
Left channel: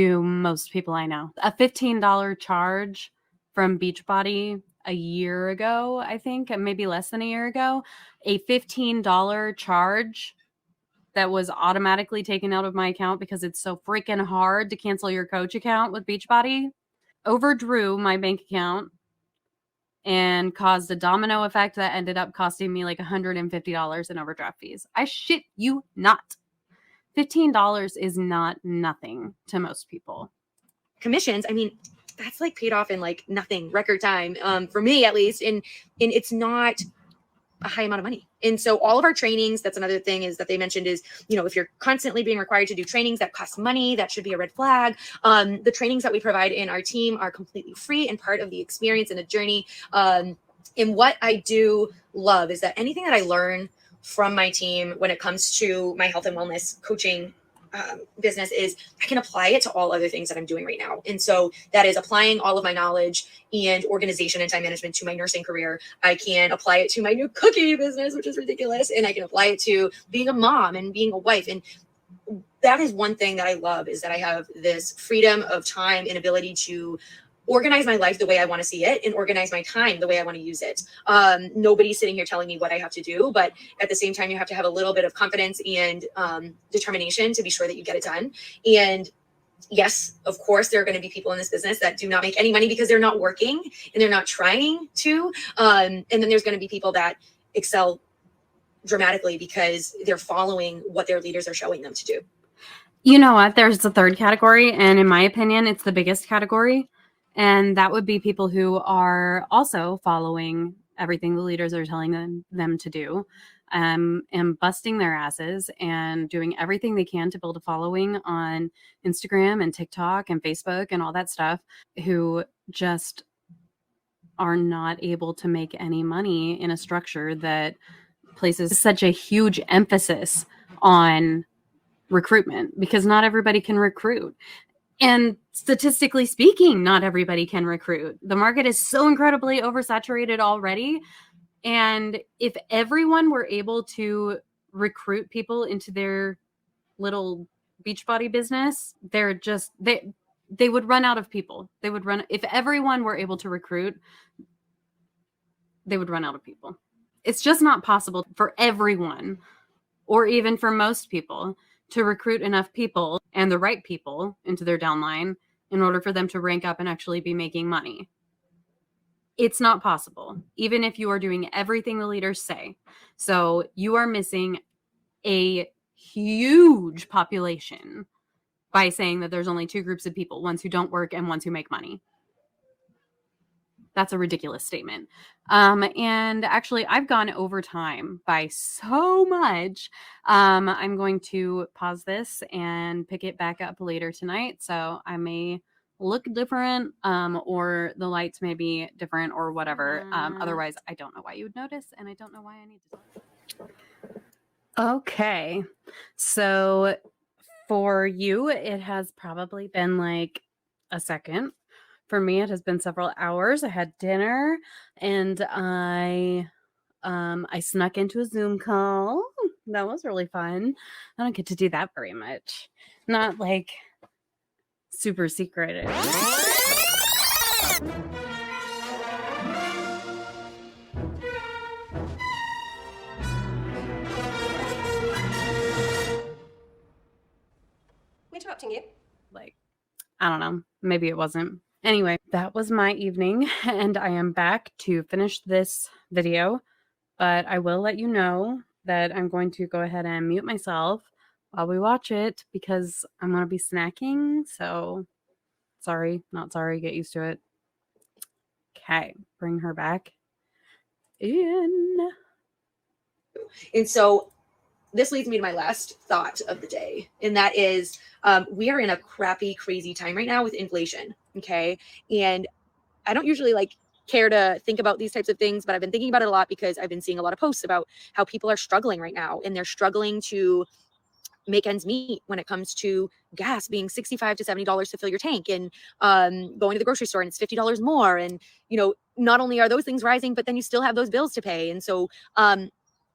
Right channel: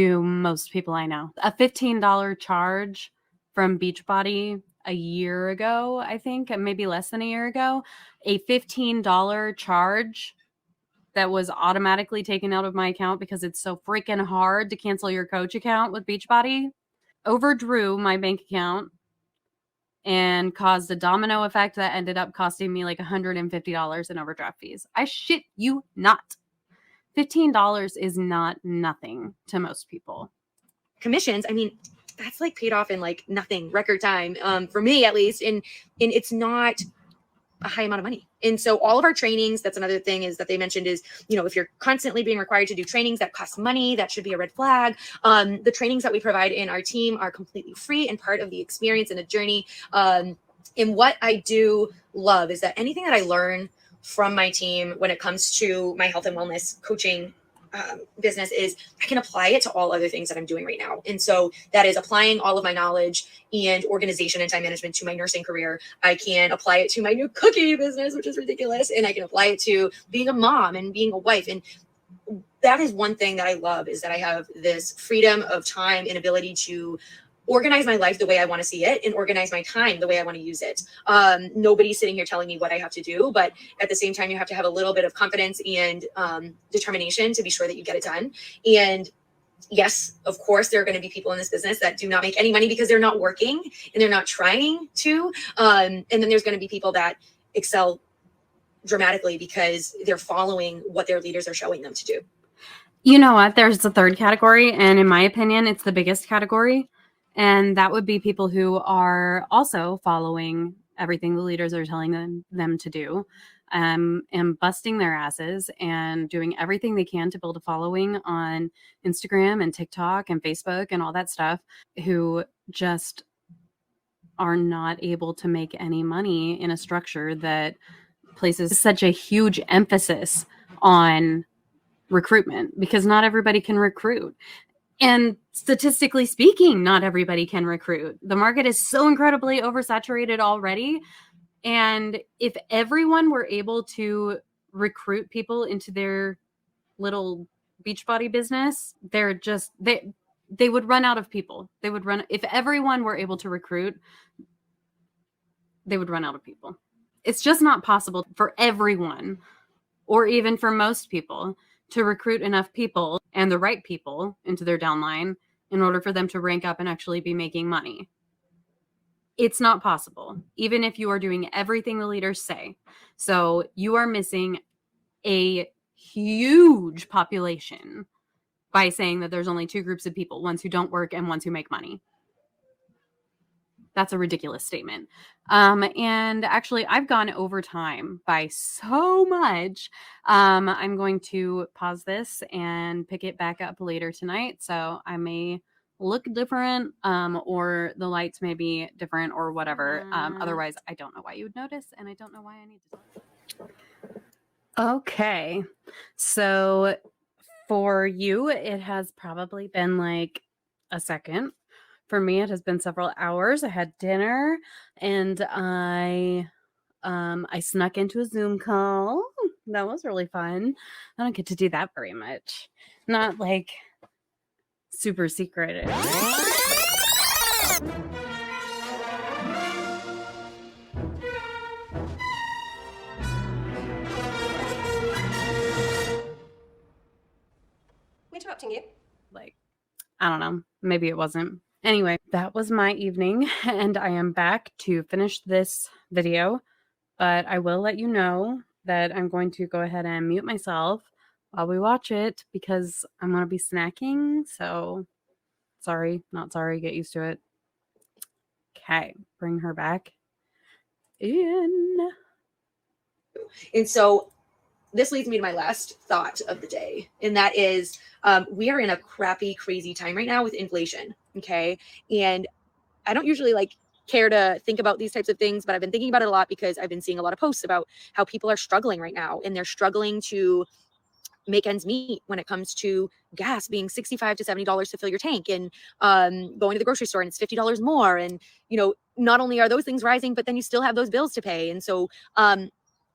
most people I know. A $15 charge from Beachbody a year ago, I think, maybe less than a year ago, a $15 charge that was automatically taken out of my account because it's so freaking hard to cancel your coach account with Beachbody, overdrew my bank account and caused a domino effect that ended up costing me like $150 in overdraft fees. I shit you not. $15 is not nothing to most people. Commissions, I mean, that's like paid off in like nothing, record time, for me at least. And it's not a high amount of money. And so all of our trainings, that's another thing is that they mentioned is, you know, if you're constantly being required to do trainings that cost money, that should be a red flag. The trainings that we provide in our team are completely free and part of the experience and the journey. And what I do love is that anything that I learn from my team when it comes to my health and wellness coaching business is I can apply it to all other things that I'm doing right now. And so that is applying all of my knowledge and organization and time management to my nursing career. I can apply it to my new cookie business, which is ridiculous. And I can apply it to being a mom and being a wife. And that is one thing that I love is that I have this freedom of time and ability to organize my life the way I want to see it and organize my time the way I want to use it. Nobody's sitting here telling me what I have to do, but at the same time, you have to have a little bit of confidence and determination to be sure that you get it done. And yes, of course, there are going to be people in this business that do not make any money because they're not working and they're not trying to. And then there's going to be people that excel dramatically because they're following what their leaders are showing them to do. You know what? There's a third category, and in my opinion, it's the biggest category. And that would be people who are also following everything the leaders are telling them to do, and busting their asses and doing everything they can to build a following on Instagram and TikTok and Facebook and all that stuff, who just are not able to make any money in a structure that places such a huge emphasis on recruitment, because not everybody can recruit. And statistically speaking, not everybody can recruit. The market is so incredibly oversaturated already. And if everyone were able to recruit people into their little Beachbody business, they would run out of people. If everyone were able to recruit, they would run out of people. It's just not possible for everyone, or even for most people, to recruit enough people and the right people into their downline in order for them to rank up and actually be making money. It's not possible, even if you are doing everything the leaders say. So you are missing a huge population by saying that there's only two groups of people, ones who don't work and ones who make money. That's a ridiculous statement. And actually, I've gone over time by so much. I'm going to pause this and pick it back up later tonight. So I may look different, or the lights may be different or whatever. Otherwise, I don't know why you would notice, and I don't know why I need to. Okay. So for you, it has probably been like a second. For me, it has been several hours. I had dinner and I snuck into a Zoom call. That was really fun. I don't get to do that very much. Not like super secret. Interrupting you. Like, I don't know. Maybe it wasn't. Anyway, that was my evening, and I am back to finish this video, but I will let you know that I'm going to go ahead and mute myself while we watch it because I'm going to be snacking, so sorry, not sorry, get used to it. Okay, bring her back in. And so this leads me to my last thought of the day, and that is we are in a crappy, crazy time right now with inflation. Okay. And I don't usually like care to think about these types of things, but I've been thinking about it a lot because I've been seeing a lot of posts about how people are struggling right now, and they're struggling to make ends meet when it comes to gas being $65 to $70 to fill your tank, and going to the grocery store and it's $50 more. And, you know, not only are those things rising, but then you still have those bills to pay. And so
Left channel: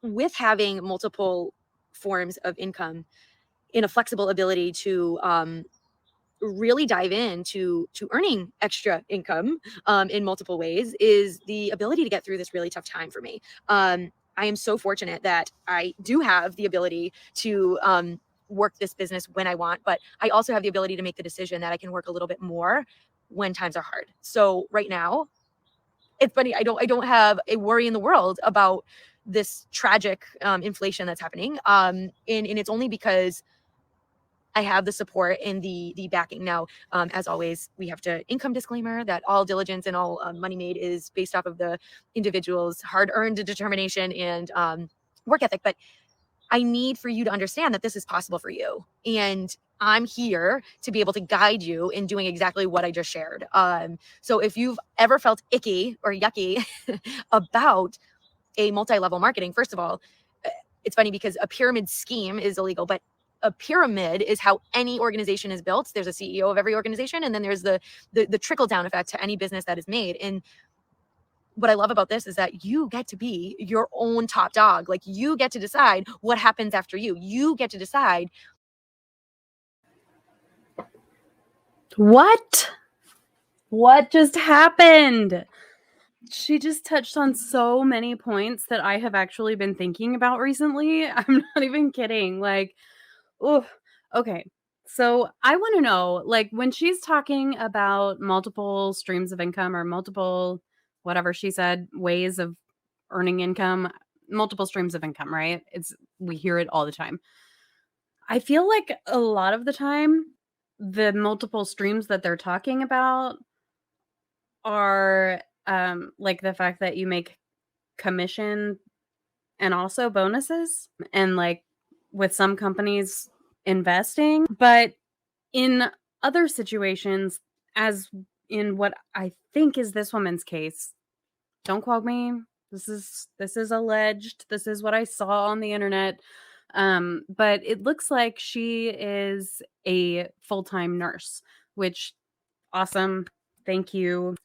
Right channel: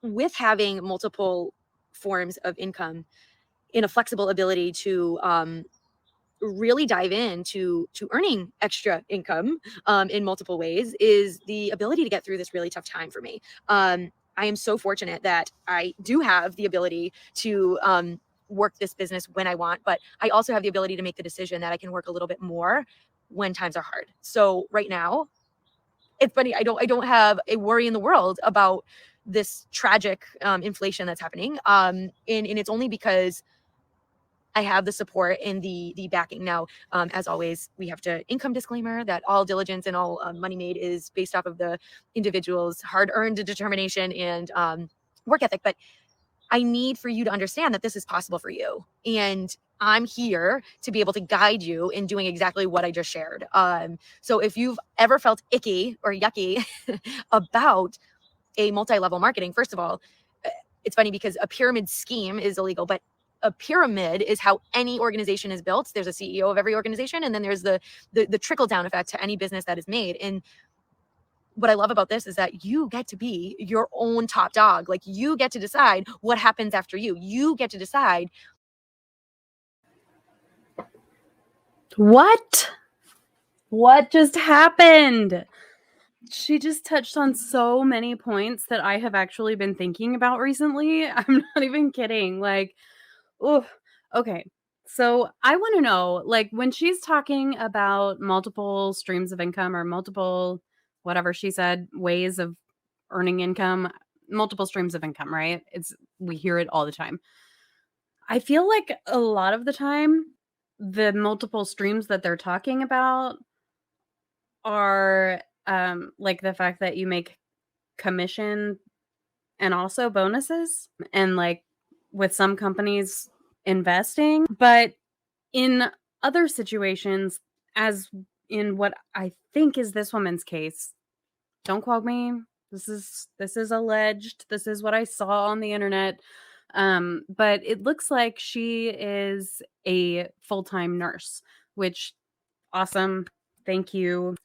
with having multiple forms of income in a flexible ability to really dive into earning extra income in multiple ways is the ability to get through this really tough time for me. I am so fortunate that I do have the ability to work this business when I want, but I also have the ability to make the decision that I can work a little bit more when times are hard. So right now, it's funny. I don't have a worry in the world about this tragic inflation that's happening. And it's only because I have the support and the backing. Now, as always, we have to income disclaimer that all diligence and all money made is based off of the individual's hard-earned determination and work ethic. But I need for you to understand that this is possible for you. And I'm here to be able to guide you in doing exactly what I just shared. So if you've ever felt icky or yucky about a multi-level marketing, first of all, it's funny because a pyramid scheme is illegal, but a pyramid is how any organization is built. There's a CEO of every organization, and then there's the trickle down effect to any business that is made. And what I love about this is that you get to be your own top dog. Like, you get to decide what happens after you. You get to decide. What? What just happened? She just touched on so many points that I have actually been thinking about recently. I'm not even kidding. Like, oof. Okay. So I want to know, like, when she's talking about multiple streams of income or multiple, whatever she said, ways of earning income, multiple streams of income, right? We hear it all the time. I feel like a lot of the time, the multiple streams that they're talking about are like the fact that you make commission and also bonuses, and like with some companies investing. But in other situations, as in what I think is this woman's case, don't quote me. This is alleged. This is what I saw on the internet. But it looks like she is a full-time nurse, which awesome. Thank you.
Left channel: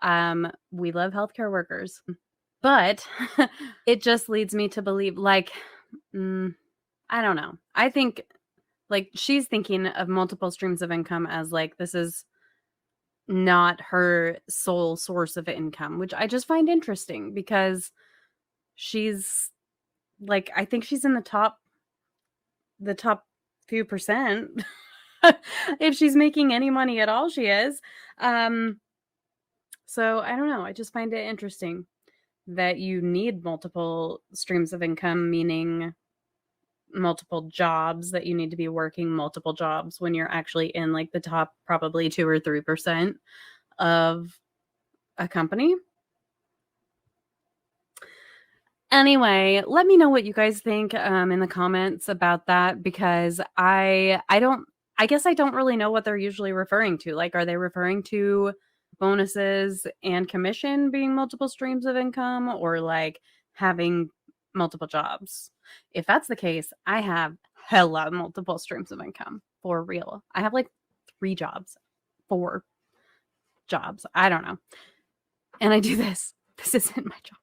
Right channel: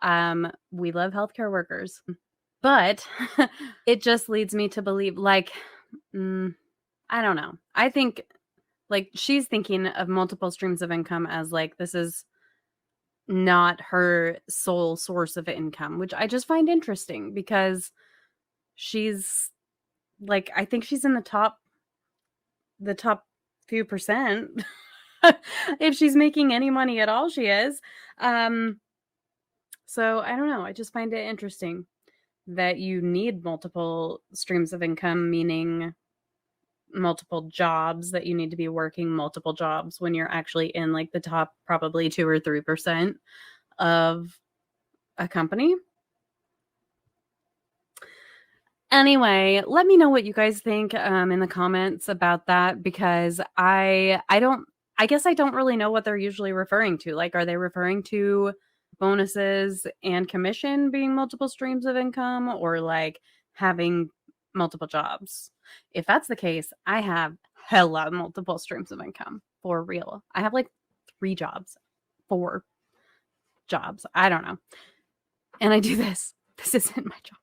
We love healthcare workers. But it just leads me to believe, like, I don't know. I think, like, she's thinking of multiple streams of income as, like, this is not her sole source of income, which I just find interesting because she's, like, I think she's in the top few percent. If she's making any money at all, she is. So I don't know. I just find it interesting that you need multiple streams of income, meaning multiple jobs, that you need to be working multiple jobs when you're actually in like the top probably 2 or 3% of a company. Anyway, let me know what you guys think in the comments about that, because I guess I don't really know what they're usually referring to. Like, are they referring to bonuses and commission being multiple streams of income, or like having multiple jobs? If that's the case, I have hella multiple streams of income for real. I have like 3 jobs, 4 jobs. I don't know. And I do this. This isn't my job.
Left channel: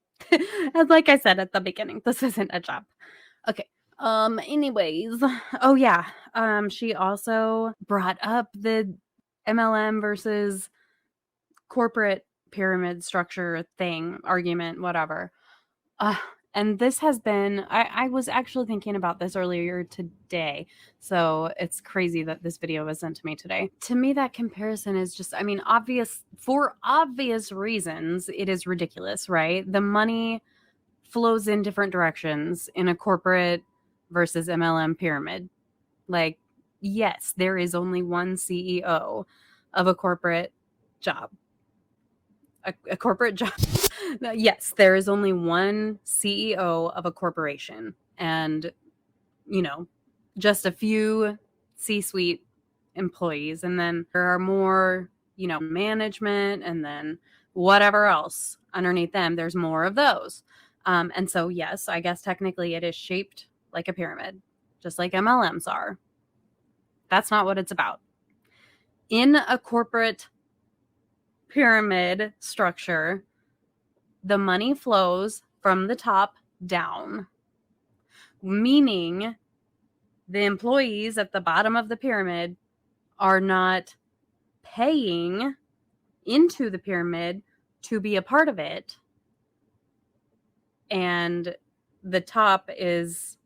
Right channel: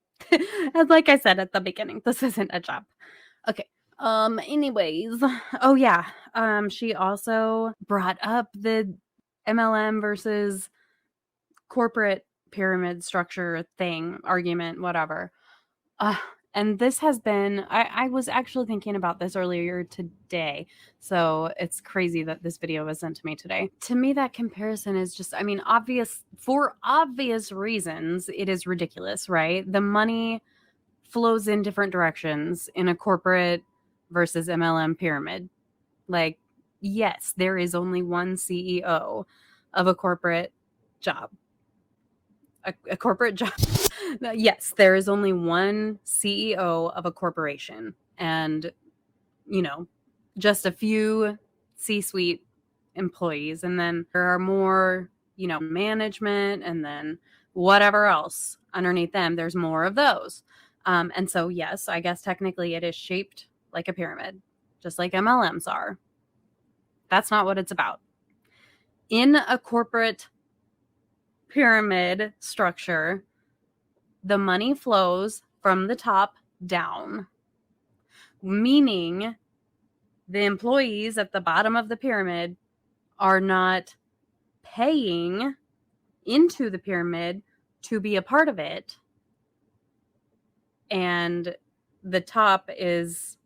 As like I said at the beginning, this isn't a job. Okay. Anyways. Oh yeah. She also brought up the MLM versus corporate pyramid structure thing, argument, whatever. And this has been, I was actually thinking about this earlier today. So it's crazy that this video was sent to me today. To me, that comparison is just, I mean, for obvious reasons, it is ridiculous, right? The money flows in different directions in a corporate versus MLM pyramid. Like, yes, there is only one CEO of a corporate job. A corporate job. Yes, there is only one CEO of a corporation, and, you know, just a few C-suite employees. And then there are more management, and then whatever else underneath them, there's more of those. And so, yes, I guess technically it is shaped like a pyramid, just like MLMs are. That's not what it's about. In a corporate pyramid structure, the money flows from the top down, meaning the employees at the bottom of the pyramid are not paying into the pyramid to be a part of it. And the top is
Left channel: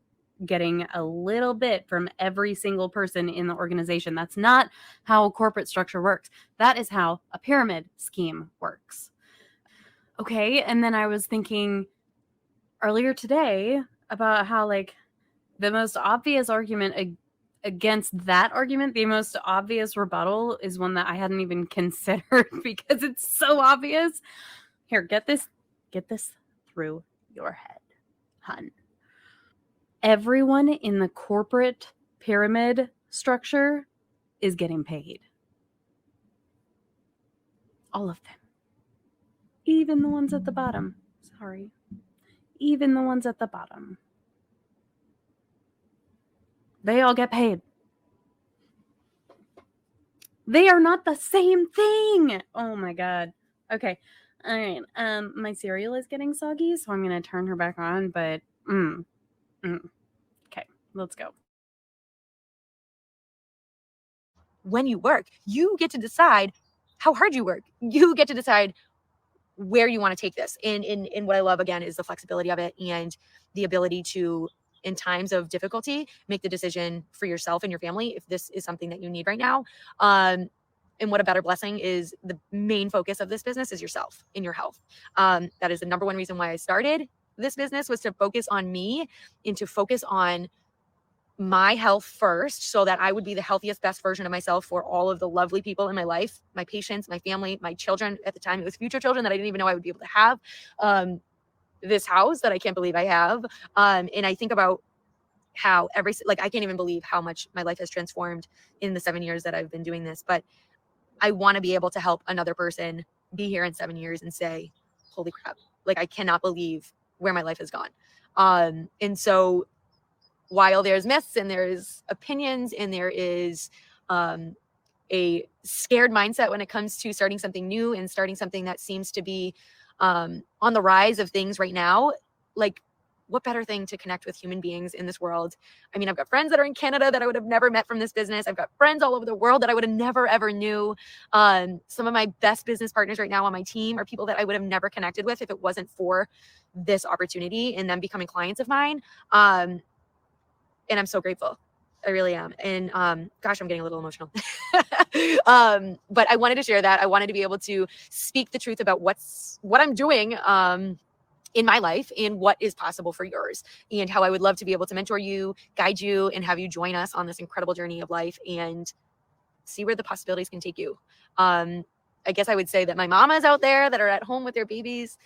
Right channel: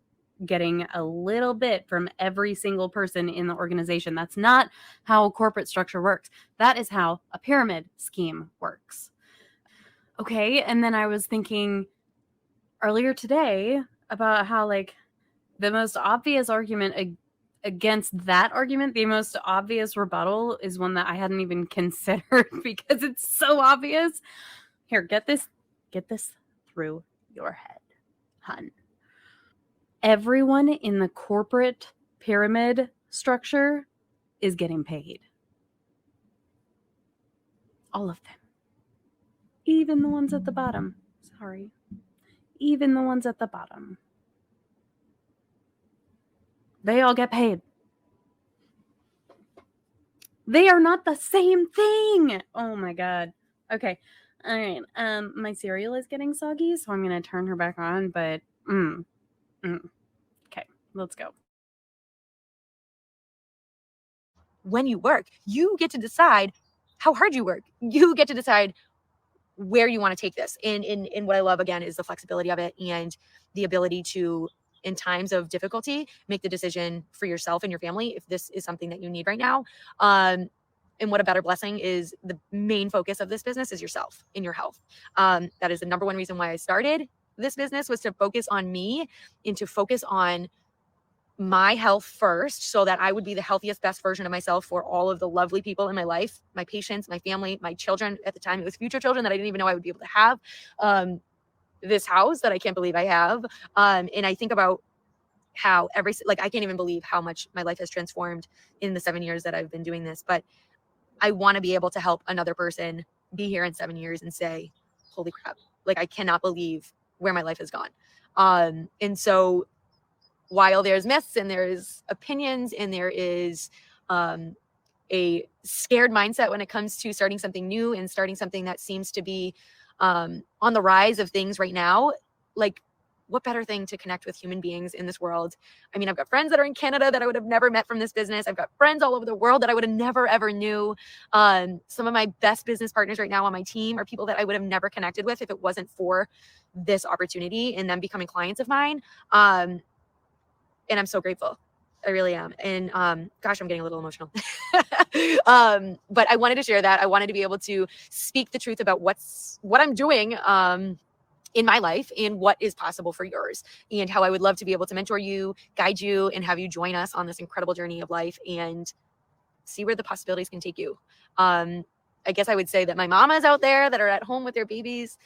getting a little bit from every single person in the organization. That's not how a corporate structure works. That is how a pyramid scheme works. Okay, and then I was thinking earlier today about how, like, the most obvious argument against that argument, the most obvious rebuttal is one that I hadn't even considered because it's so obvious. Here, get this through your head, hun. Everyone in the corporate pyramid structure is getting paid. All of them. Even the ones at the bottom. Sorry. Even the ones at the bottom. They all get paid. They are not the same thing. Oh my God. Okay. All right. My cereal is getting soggy, so I'm going to turn her back on, but okay, let's go. When you work, you get to decide how hard you work. You get to decide where you want to take this. And what I love, again, is the flexibility of it and the ability to, in times of difficulty, make the decision for yourself and your family if this is something that you need right now. And what a better blessing is the main focus of this business is yourself and your health. That is the number one reason why I started this business, was to focus on me and to focus on my health first, so that I would be the healthiest, best version of myself for all of the lovely people in my life, my patients, my family, my children. At the time, it was future children that I didn't even know I would be able to have. This house that I can't believe I have. And I think about how I can't even believe how much my life has transformed in the 7 years that I've been doing this. But I want to be able to help another person be here in 7 years and say, holy crap, like, I cannot believe where my life has gone. And so, while there's myths and there's opinions and there is a scared mindset when it comes to starting something new and starting something that seems to be on the rise of things right now, like, what better thing to connect with human beings in this world? I mean, I've got friends that are in Canada that I would have never met from this business. I've got friends all over the world that I would have never, ever knew. Some of my best business partners right now on my team are people that I would have never connected with if it wasn't for this opportunity and them becoming clients of mine. And I'm so grateful. I really am. And gosh, I'm getting a little emotional. But I wanted to share that. I wanted to be able to speak the truth about what I'm doing in my life and what is possible for yours, and how I would love to be able to mentor you, guide you, and have you join us on this incredible journey of life and see where the possibilities can take you. I guess I would say that my mamas out there that are at home with their babies,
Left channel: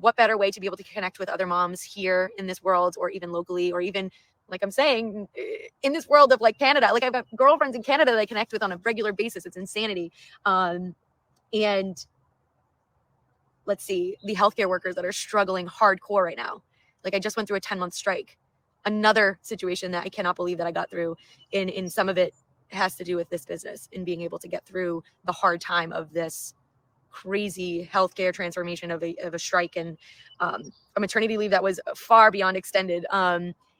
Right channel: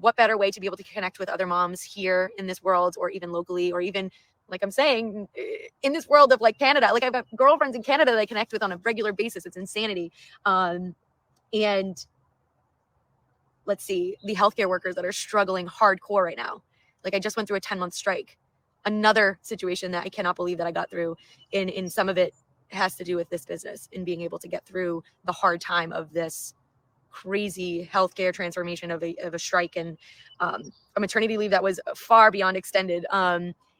what better way to be able to connect with other moms here in this world, or even locally, or even, like I'm saying, in this world of like Canada. Like, I've got girlfriends in Canada that I connect with on a regular basis. It's insanity. And let's see, the healthcare workers that are struggling hardcore right now. Like, I just went through a 10-month strike. Another situation that I cannot believe that I got through. In some of it has to do with this business and being able to get through the hard time of this crazy healthcare transformation of a strike and a maternity leave that was far beyond extended.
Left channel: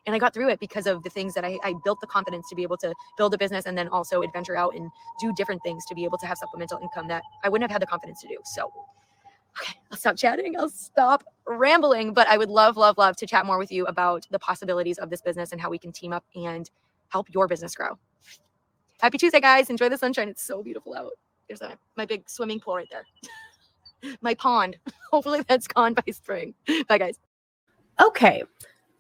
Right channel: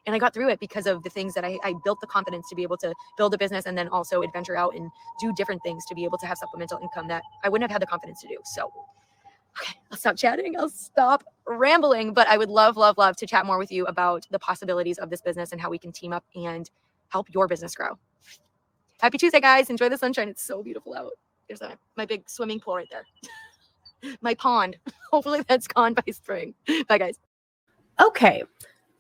And I got through it because of the things that I built the confidence to be able to build a business, and then also adventure out and do different things to be able to have supplemental income that I wouldn't have had the confidence to do. So, okay, I'll stop chatting. I'll stop rambling, but I would love, love, love to chat more with you about the possibilities of this business and how we can team up and help your business grow. Happy Tuesday, guys. Enjoy the sunshine. It's so beautiful out. There's my big swimming pool right there. My pond. Hopefully that's gone by spring. Bye, guys. Okay.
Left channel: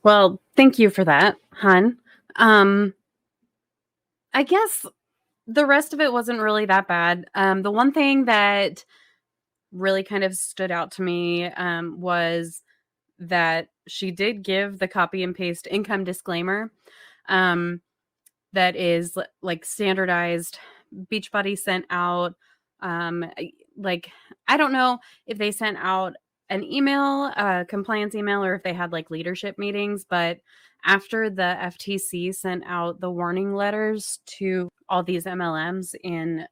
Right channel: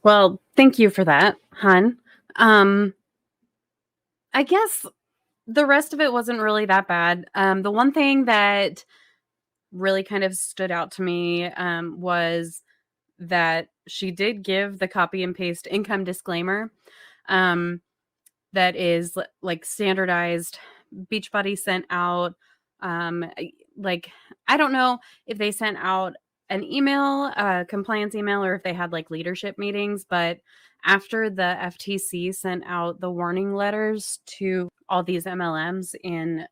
Well, thank you for that, hun. I guess the rest of it wasn't really that bad. The one thing that really kind of stood out to me was that she did give the copy and paste income disclaimer that is like standardized. Beachbody sent out Like, I don't know if they sent out an email, a compliance email, or if they had like leadership meetings, but after the FTC sent out the warning letters to all these MLMs in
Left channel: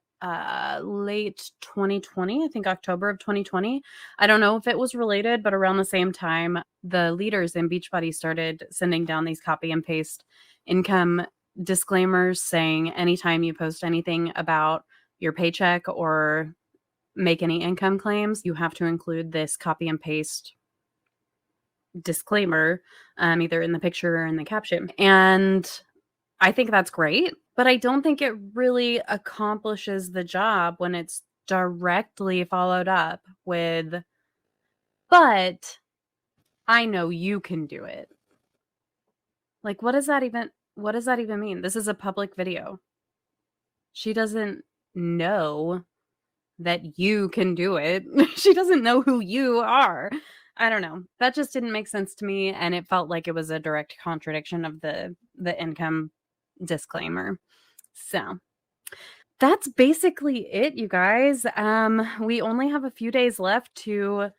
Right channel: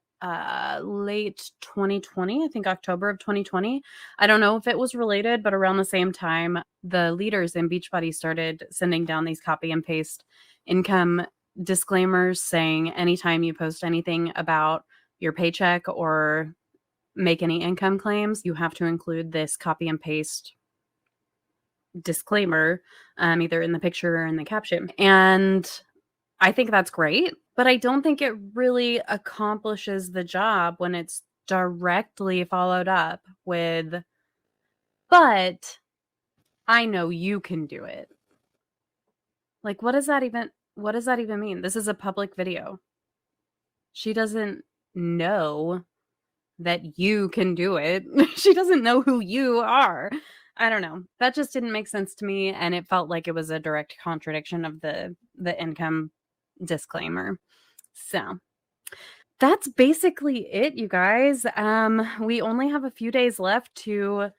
late 2020, I think October of 2020. I don't know if it was related, but around the same time, the leaders in Beachbody started sending down these copy and paste income disclaimers saying anytime you post anything about your paycheck or make any income claims, you have to include this copy and paste disclaimer, either in the picture or in the caption. And I think that's great, but I don't think it really accomplishes the job when it's directly followed up with, but I know you can do it. Like, what does that even mean? This is a public video. She doesn't know that you can do it. She doesn't know who you are. I don't know. That just didn't make sense to me, and it felt like it was a direct contradiction of the income disclaimer. So that's basically it, you guys. We only have a few days left to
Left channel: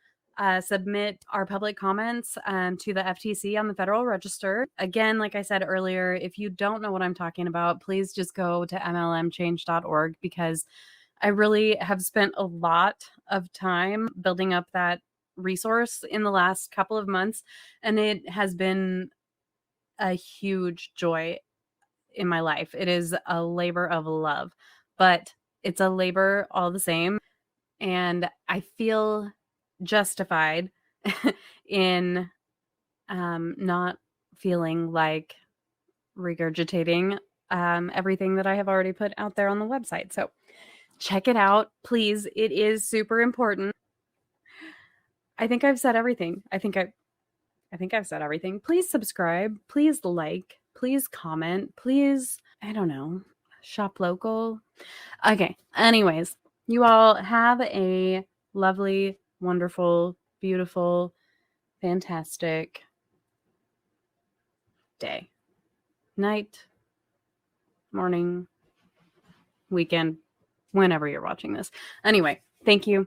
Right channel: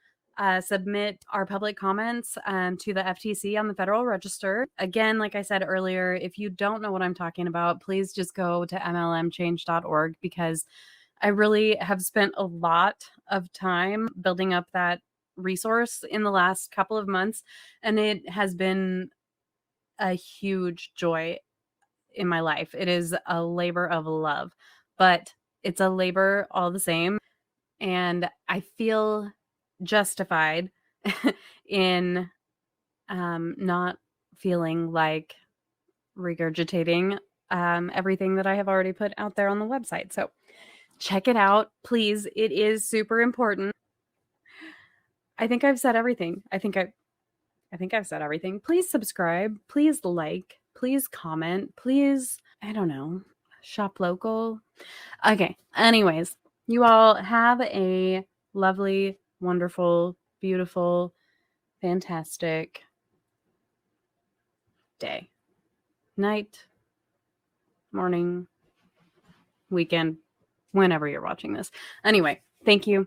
submit our public comments to the FTC on the Federal Register. Again, like I said earlier, if you don't know what I'm talking about, please just go to mlmchange.org, because I really have spent a lot of time building up that resource in the last couple of months, and it has been a huge joy in my life. It is a labor of love, but it's a labor all the same. And I feel justified in not feeling like regurgitating everything that I have already put out there on the website. So check it out, please. It is super important. I think I've said everything. I think I've said everything. Please subscribe. Please like. Please comment. Please, I don't know, shop local. Okay. Anyways, you all have a lovely, wonderful, beautiful, fantastic day, night, morning, weekend, whenever you're watching this. Anyway, thank you.